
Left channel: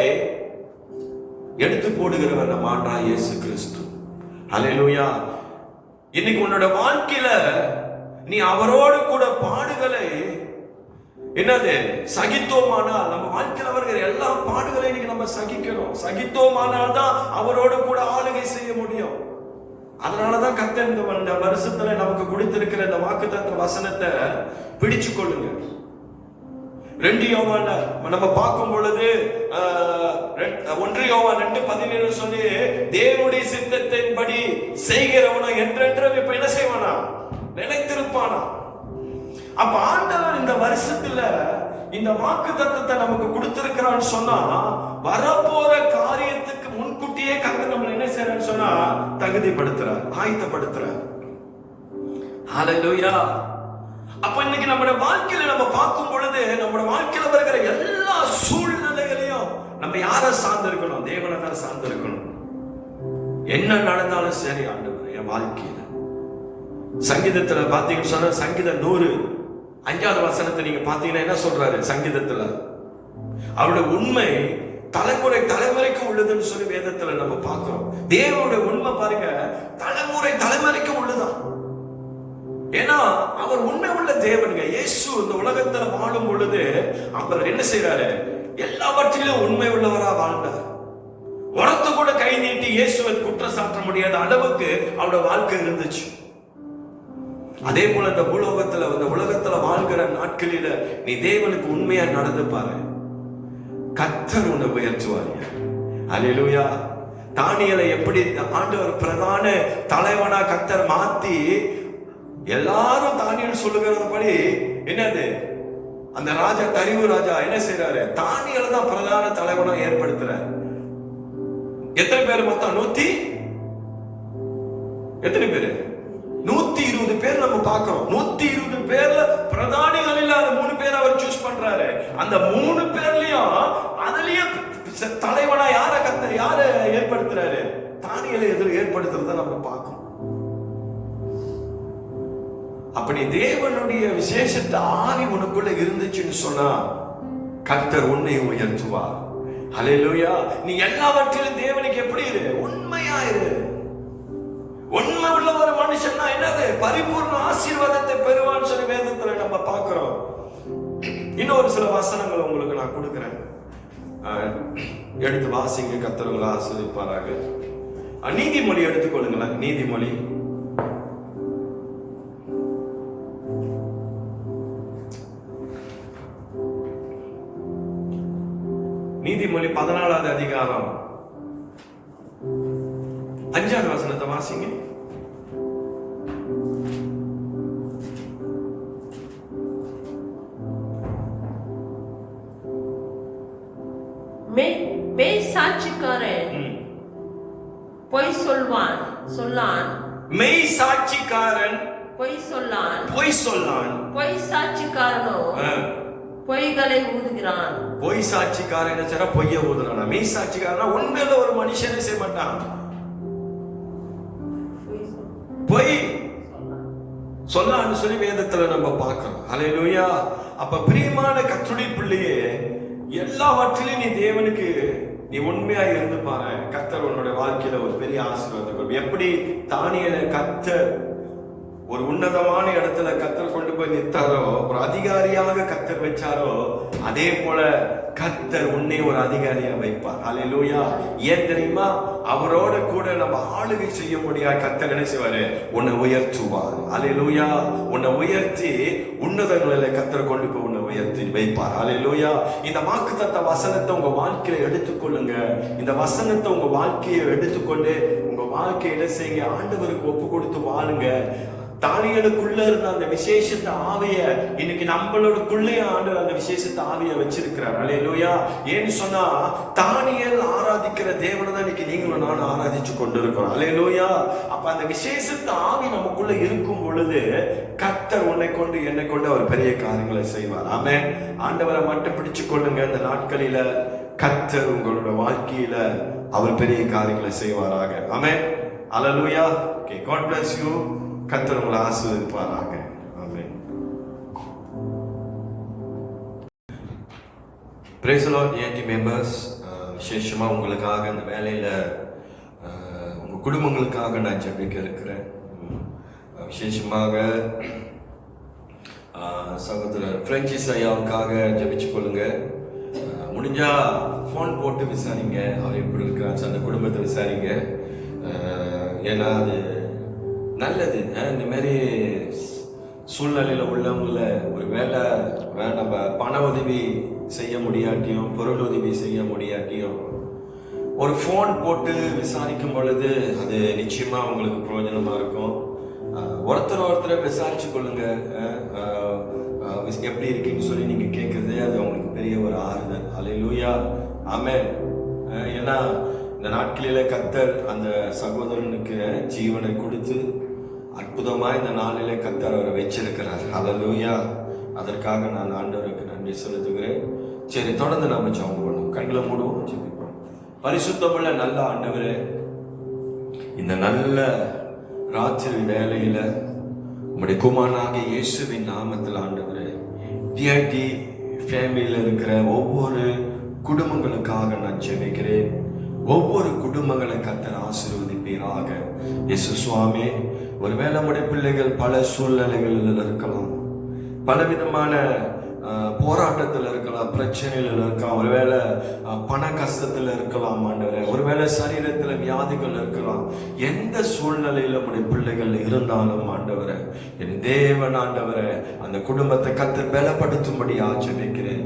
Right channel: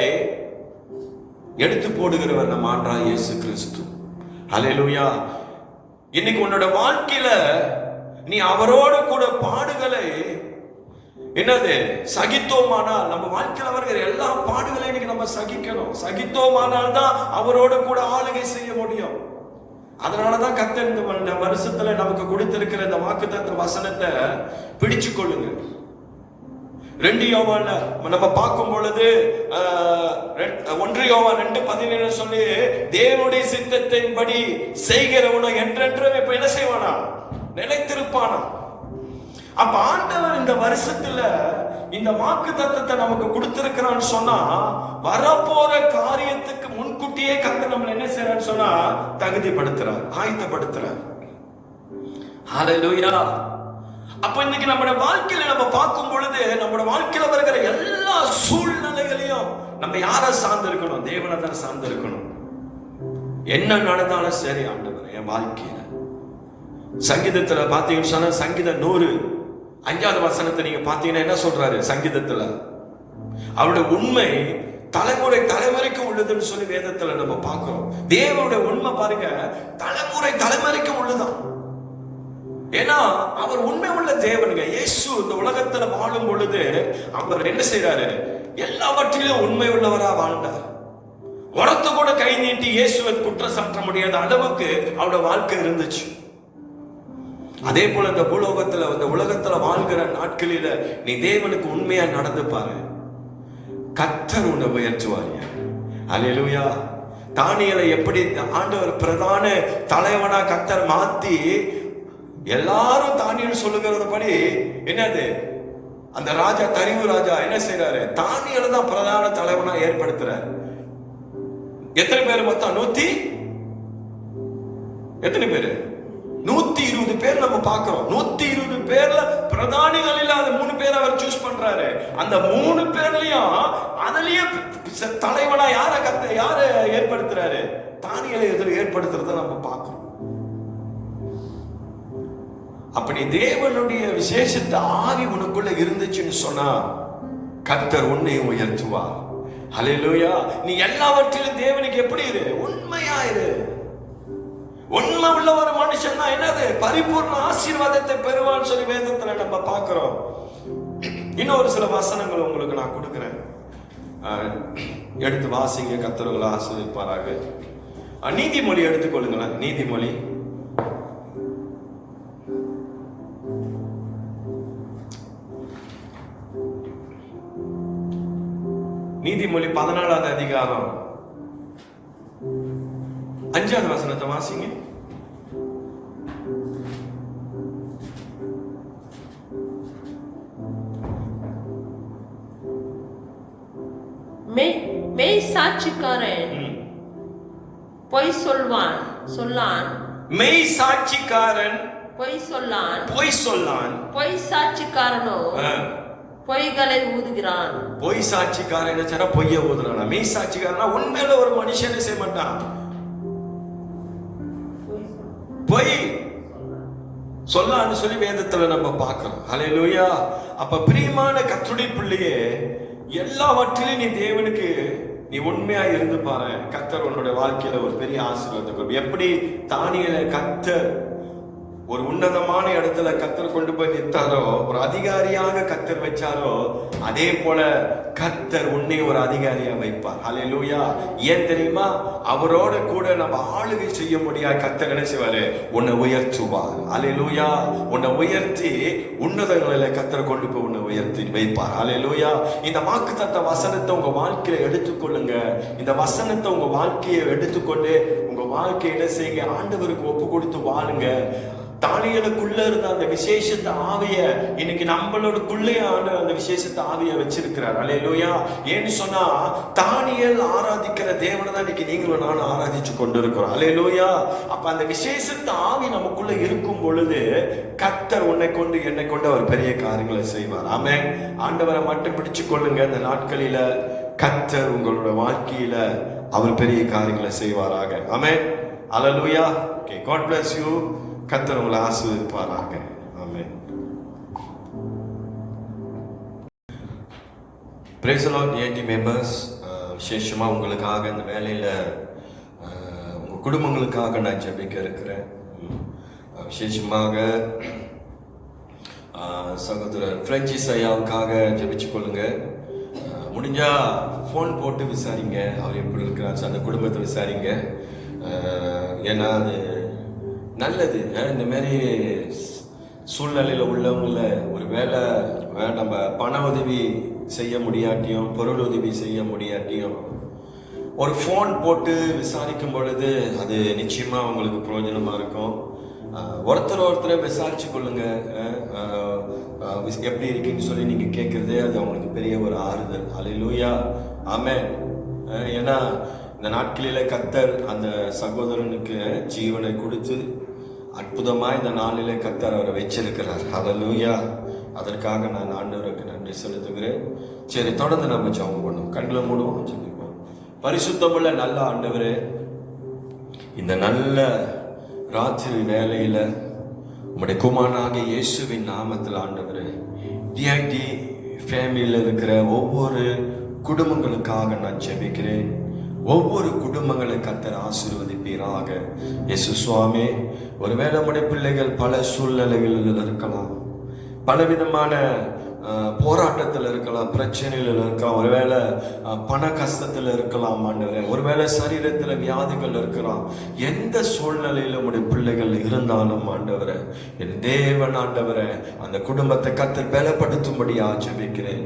எடுத்து போடுகிறவர் நம் ஆண்டவராக இயேசு கிறிஸ்து. அல்லேலூயா. இன்னைக்கு உன்னோட வாழ்க்கையில நீ அவரோடு கூட பாடுகளை என்னது சகித்தோமானால், நம்ம வாழ்க்கையில் வருகிற எல்லா பாடுகளை இன்னைக்கு நம்ம சகிக்கணும். சகித்தோமானால் தான் அவரோடு கூட ஆளுகை செய்ய முடியும். அதனாலதான் கர்த்தர் இந்த வருஷத்துல நமக்கு கொடுத்திருக்கிற இந்த வாக்குத்தத்த வசனத்தை பிடிச்சு கொள்ளுங்க. 2 யோவான்ல நம்ம பார்க்கும் பொழுது 1 யோவான் 2:17 சொல்லி தேவனுடைய சித்தத்தின்படி செய்கிறவனோ என்றென்றும் இப்ப என்ன செய்வானா? நிலைத்திருப்பானா. அப்ப ஆண்டவர் இந்த வருஷத்துல இந்த வாக்குத்தத்தத்தை நமக்கு கொடுத்திருக்கிறான்னு சொன்னா வரப்போற காரியத்துக்கு முன்கூட்டியே கர்த்தர் நம்மள என்ன செய்யறான்னு சொன்னா தகுதிப்படுத்துறார், ஆயத்தப்படுத்துறார். ஹல்லேலூயா. அப்ப இன்னைக்கு நம்முடைய வாழ்க்கையில நம்ம பார்க்கும் பொழுது நம்முடைய வாழ்க்கையில இருக்கிற எல்லா சூழ்நிலைகளையும் நம்ம யாரை சார்ந்து இருக்கணும்? தேவனை தான் சார்ந்து இருக்கணும். என்ன நடந்தாலும் சரி ஆண்டவரே என் வாழ்க்கையில. சங்கீதத்துல பாத்தீங்கன்னு சொன்னா சங்கீதம் 105வது வசனத்தை நீங்க பாத்தீங்கன்னா என்ன சொல்றாரு சங்கீதத்துல? அவருடைய உண்மை தலைமுறை தலைமுறைக்கு உள்ளதுன்னு சொல்லி வேதத்துல நம்ம பார்க்கிறோம். தேவனுடைய உண்மை பாருங்க தலைமுறை தலைமுறைக்கு உள்ளதான். ஏன்னா அவர் உண்மை உள்ள தேவனுங்க. இயேசு இந்த உலகத்துல வாழும் பொழுது அவர் என்ன செய்யறாரு? எல்லாவற்றிலும் உண்மை உள்ளவரா வாழ்ந்தார். உலகத்து கூட கை நீட்டி இயேசுவை குற்றம் சாட்ட முடியாத அளவுக்கு அவருடைய வாழ்க்கை இருந்துச்சு. அதே போல இந்த உலகத்துல வாழ்கிற நாட்களில நீ தேவனுக்கு உண்மையா நடந்து பாரு, கர்த்தர் உன்னை உயர்த்துவார். அல்லேலூயா. தானியேலை எப்படி ஆண்டவர் பிரதான தலைவனா கர்த்தர் மாத்தி எல்லாரும் தானியேல் சொல்லுகிறபடி என்னது அந்த ராஜா தரிவு ராஜா என்ன செய்யறாரு? தானியேலை தான் பிரதான தலைவனா ஏற்படுத்துறாரு. எத்தனை பேர் மொத்தம்? எத்தனை பேரு? 120 பேர் நம்ம பார்க்கிறோம். 120 பேர்ல பிரதானிகள் இல்லாத 3 பேர் அவர் சூஸ் பண்றாரு. அந்த 3 பேர்லயும் அதுலயே தலைவனா யார ஏற்படுத்துறாரு? தானியேலை ஏற்படுத்துறத நம்ம பார்க்கிறோம். அப்படி தேவனுடைய விசேஷத்தை ஆவி உனக்குள்ள இருந்துச்சுன்னு சொன்னா கர்த்தர் உன்னை உயர்த்துவார். ஹல்லேலூயா. நீ எல்லாவற்றிலும் தேவனுக்கு எப்படி இரு? உண்மையா இரு. உண்மை உள்ள ஒரு மனுஷன் தான் என்னது? பரிபூர்ண ஆசீர்வாதத்தை பெறுவான்னு சொல்லி வேதத்துல நம்ம பார்க்கிறோம். இன்னொரு சில வசனங்கள் உங்களுக்கு நான் கொடுக்கிறேன், எடுத்து வாசிங்க. கர்த்தர் ஆசீர்வதிப்பாராக. நீதிமொழி எடுத்துக்கொள்ளுங்களேன். நீதிமொழி நீதிமொழி 14வது அதிகாரம் 5வது வசனத்தை வாசிங்க. மெய் சாட்சிக்காரன் பொய் சொல்லான். மெய் சாட்சிக்காரன் பொய் சொல்லான். பொய் சாட்சிக்காரனோ பொய்களை ஊதுகிறான். பொய் சாட்சிக்காரன் என்ன பொய்ய ஊதுறான். மெய் சாட்சிக்காரன் உண்மையில ஒரு மனுஷன் செய்ய மாட்டான், பொய் சொல்லான்னு சொல்லி வேதத்துல நம்ம பார்க்கிறோம். ஹல்லேலூயா. அப்ப பிரியமான கர்த்தருடைய பிள்ளையே, எல்லாவற்றிலும் நீ தேவனுக்கு நீ உண்மையா இருந்து பாரு, கர்த்தர் உன்னுடைய வாழ்க்கையில ஒரு பெரிய ஆசீர்வாதம். எப்படி தானியேலை கர்த்தர் ஒரு உன்னதமான இடத்துல கர்த்தர் கொண்டு போய் நிறுத்தாரோ, ஒரு அதிகாரியாக கர்த்தர் வச்சாரோ, அதே போல கர்த்தர் உன்னை ஒரு அதிகாரியா வைப்பார். ஹல்லேலூயா. ஏன் தெரியுமா? அவரோட கூட நம்ம ஆளுகை செய்ய முடியாது. கர்த்தர் என்ன செய்வாரு? உன்னை உயர்த்துவார். ஹல்லேலூயா. உன்னை உயர்த்தி உன்னதங்களில கர்த்தர் கொண்டு போய் உன்னை உயர்த்தி வைப்பார். ஹல்லேலூயா. இந்த வாக்குத்தத்த வசனத்தை உங்க வாழ்க்கையில எடுத்துக்கொள்ளுங்க. இந்த வசனத்தை உங்க வாழ்க்கையை எடுத்துக்கொண்டு உங்க வாழ்க்கையில செய்ய ஆண்டவருக்கு ஒப்பு கொடுத்து வாழுங்க. தானியேலுக்குள்ள இருந்த அந்த விசேஷத்தை ஆவிய இன்னைக்கு நம்மளோடக்குள்ளே ஆண்டவர் அந்த விசேஷத்தை ஆவிய வச்சிருக்கிறார். அல்லேலூயா. ஏன்னு சொன்னா தானியேல் ஆராதிக்கிற தேவனை தான் இன்னைக்கு நீங்களும் நானும் ஆராதிச்சு கொண்டு இருக்கிறோம். அல்லேலூயா. அப்ப அந்த விசேஷத்தை ஆவி நமக்குள்ள இருக்கும் பொழுது கர்த்தர் உன்னை கொண்டு என்னை கொண்டு அவர் பெரிய காரியங்களை செய்வார். ஆமென். ஆண்டவரை மட்டும் பிடிச்சு கொள்ளுங்க. இந்த நாட்களில கர்த்தர் உங்களோட வாழ்க்கையில அவர் பெரிய காரியங்களை செய்வாராக. Amen. Hallelujah. Okay, God bless you. கர்த்தர் உங்களை ஆசீர்வதிப்பாராக. ஆமென். Praise the Lord, dear members. விசேஷமா உங்களுக்காக இந்த வேலையில உங்க குடும்பங்களுக்காக நான் ஜெபிக்க இருக்கிறேன். விசேஷமாக சகோதரர் பிரான்சிஸ் ஐயாவுக்காக ஜெபிச்சு கொள்ளுங்க. முடிஞ்சா ஃபோன் போட்டு விசாரிங்க, அவர் எப்படி இருக்கிறார், அந்த குடும்பத்தை விசாரிங்க. ஏன்னா அது நல்லது. இந்த மாதிரி சூழ்நிலையில் உள்ளவங்கள ஒரு வேலை நம்ம பண உதவி செய்ய முடியாட்டியும் பொருள் உதவி செய்ய முடியாட்டியும் ஒரு ஃபோன் போட்டு விசாரிக்கும் பொழுது அது நிச்சயமா உங்களுக்கு பிரயோஜனமா இருக்கும். ஒருத்தர் விசாரிச்சு கொள்ளுங்க. எப்படி இருக்குன்னு சொல்லி நீங்க கேட்கறதே அது அவங்களுக்கு பெரிய ஒரு ஆறுதல். அல்லேலூயா. ஆமென். ஏன்னா இந்த நாட்களில கர்த்தர் அந்த சகோதரனுக்கு ஜீவனை கொடுத்து அற்புதமா இந்த நாளிலே கர்த்தர் அவரை வச்சிருக்கிறார். ஹல்லேலூயா. அதற்காக நான் ஆண்டவருக்கு நன்றி செலுத்துகிறேன். சரி, தொடர்ந்து நம்ம ஜெபம் பண்ணுவோம். கண்களை மூடுவோம், ஜெபிப்போம். பரிசுத்தமுள்ள நல்ல ஆண்டவரே, இந்த நல்ல ராத்திரி வேளையில உம்முடைய குமாரனாகிய இயேசுவின் நாமத்தில் ஆண்டவரே, டிஐடி ஃபேமிலியில் இருக்கிற ஒவ்வொரு குடும்பங்களுக்காக நான் ஜெபிக்கிறேன். ஒவ்வொரு குடும்பங்களை கர்த்தர் ஆசீர்வதிப்பீராக. இயேசு சுவாமி, ஒருவேளை நம்முடைய பிள்ளைகள் பல சூழ்நிலைகளில் இருக்கலாம், பலவிதமான போராட்டத்தில் இருக்கலாம், பிரச்சனைகள் இருக்கலாம், ஒருவேளை பண கஷ்டத்தில் இருக்கலாம் ஆண்டவரே, ஒருவேளை சரீரத்தில் வியாதிகள் இருக்கலாம். எந்த சூழ்நிலையில் நம்முடைய பிள்ளைகள் இருந்தாலும் ஆண்டவரே, என் தேவன் ஆண்டவரே, அந்த குடும்பத்தை கர்த்தர் பலப்படுத்தும்படியா ஜெபிக்கிறேன்.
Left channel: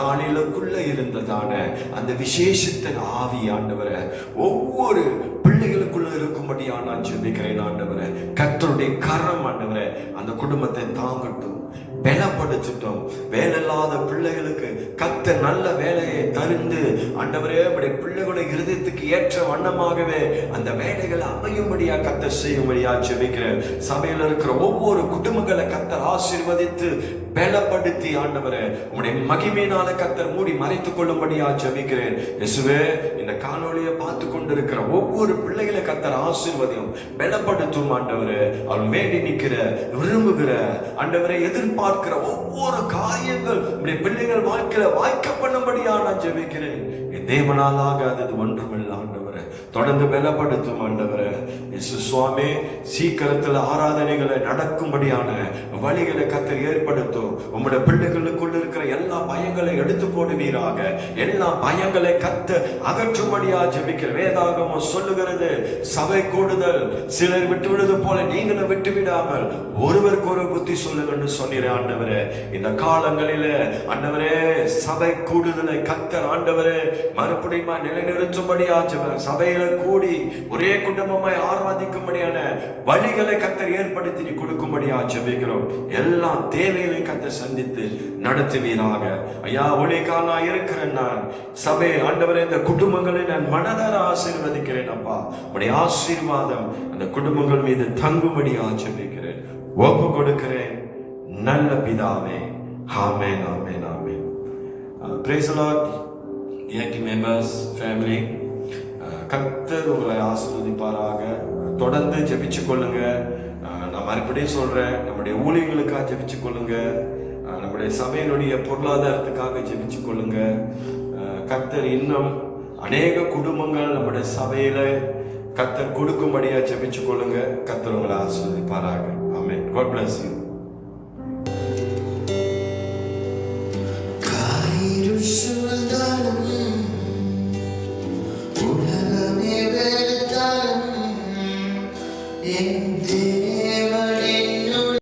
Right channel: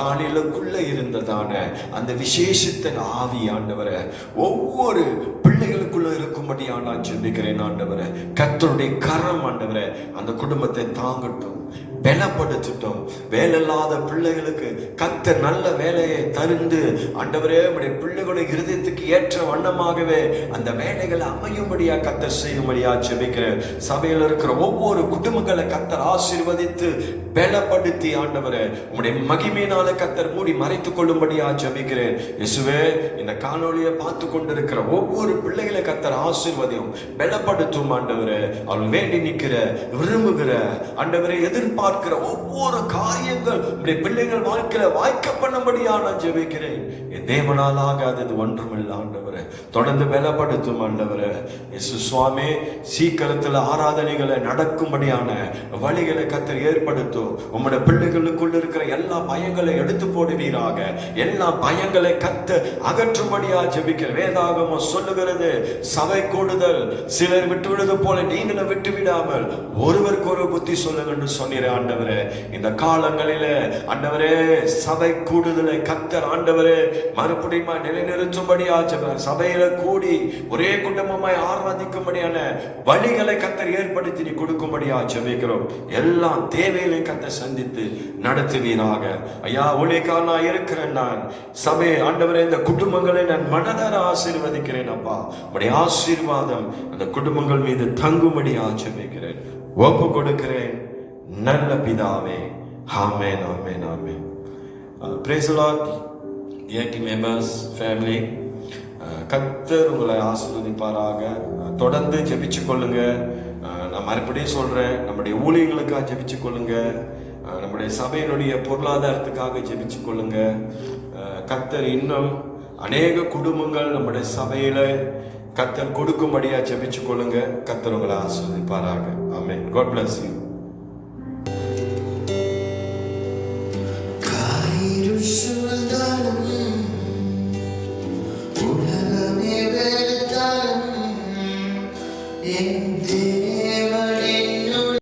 தாளிலுக்குள்ள இருந்ததான அந்த விசேஷத்தின் ஆவி ஆண்டவரே ஒவ்வொரு பிள்ளைகளுக்குள்ள இருக்கும்படியா நான் ஜெபிக்கிறேன் ஆண்டவரே. கர்த்தருடைய கரம் ஆண்டவரே அந்த குடும்பத்தை தாங்கட்டும், பலப்படுத்தட்டும். வேலை இல்லாத பிள்ளைகளுக்கு கர்த்தர் நல்ல வேலையை தருந்து ஆண்டவரே அவருடைய பிள்ளைகளுடைய இருதயத்துக்கு ஏற்ற வண்ணமாகவே அந்த வேலைகளை அமையும்படியா கர்த்தர் செய்யும்படியா ஜெபிக்கிறேன். சபையில் இருக்கிற ஒவ்வொரு குடும்பங்களை கர்த்தர் ஆசீர்வதித்து பலப்படுத்தி ஆண்டவரே உம்முடைய மகிமையினால கர்த்தர் மூடி மறைத்துக் கொள்ளும்படியா ஜெபிக்கிறேன். இயேசுவே, இந்த காணொளியை பார்த்து கொண்டிருக்கிற ஒவ்வொரு பிள்ளைகளை கர்த்தர் ஆசீர்வதியும் பலப்படுத்தும் ஆண்டவரே. அவள் வேண்டி நிற்கிற, விரும்புகிற ஆண்டவரை எதிர்பார்க்கிற ஒவ்வொரு காரியங்கள் உடைய பிள்ளைகள் வாழ்க்கையில வாய்க்க பண்ணும்படியா நான் ஜெபிக்கிறேன். என் தேவனால் ஆகாதது ஒன்றுமில்லை ஆண்டவரே. தொடர்ந்து பலப்படுத்தும் ஆண்டவரே. இயேசு சுவாமி, சீக்கிரத்தில் ஆராதனைகளை நடக்கும்படியான வழிகளை கர்த்தர் ஏற்படுத்தும். உம்முடைய பிள்ளைகளுக்குள்ள இருக்கிற எல்லா பயங்களை எடுத்து போடுவீராக. எல்லா பயங்களை கர்த்தர் அகற்றும்படியா ஜெபிக்கிற. வேதாகமம் சொல்லுகிறது, சபை கூடுதல் சிலர் விட்டுவிடுவது போல நீங்களும் விட்டு விடாமல் ஒருவருக்கு ஒரு புத்தி சொல்லுங்க என்று சொன்னீர ஆண்டவரே. இந்த காலங்களிலே ஆண்டவரே சபை கூடுதலை கர்த்தர் ஆண்டவரே மறுபடியும் நிலைநிறுத்தும்படியா சபையில கூடி ஒரே குடும்பமாய் ஆராதிக்கும்படியான வழிகளை கர்த்தர் ஏற்படுத்தி நீ கொடுக்கும்படியா ஜெபிக்கிறோம். எல்லா தேவைகளை கர்த்தர் சந்தித்து நடத்துவீராக. ஐயா, ஒளிக்காலா இருக்கிறேன் நான் சபை ஆண்டவரே, இந்த குடும்பங்களை நான் மனதார ஆசீர்வதிக்கிறேன். அப்பா, உடைய ஆசீர்வாதம் இந்த குடும்பங்கள் மீது தங்கும்படியா ஜெபிக்கிறேன், ஒப்பு கொடுக்கிறேன் நல்ல பிதாவே. ஆமென், ஆமென், ஆமென். Praise the Lord, DIT members, family. கர்த்தர் உங்களை ஆசீர்வதிப்பாராக. தொடர்ந்து ஜெபிச்சு கொள்ளுங்க. நான் மறுபடியும் சொல்றேன், நம்முடைய ஊழியர்களுக்காக ஜெபிச்சு கொள்ளுங்க, நம்முடைய சபையினுடைய பொருளாதாரத்துக்காக ஜெபிச்சு கொள்ளுங்க. கர்த்தர் இன்னும் அநேக குடும்பங்கள் நம்முடைய சபையில கர்த்தர் கொடுக்கும்படியா ஜெபிச்சு கொள்ளுங்க. கர்த்தர் உங்களை ஆசீர்வதிப்பாராக. ஆமென். God bless you. உலகமே வெறுத்தாலும் என் தேவன்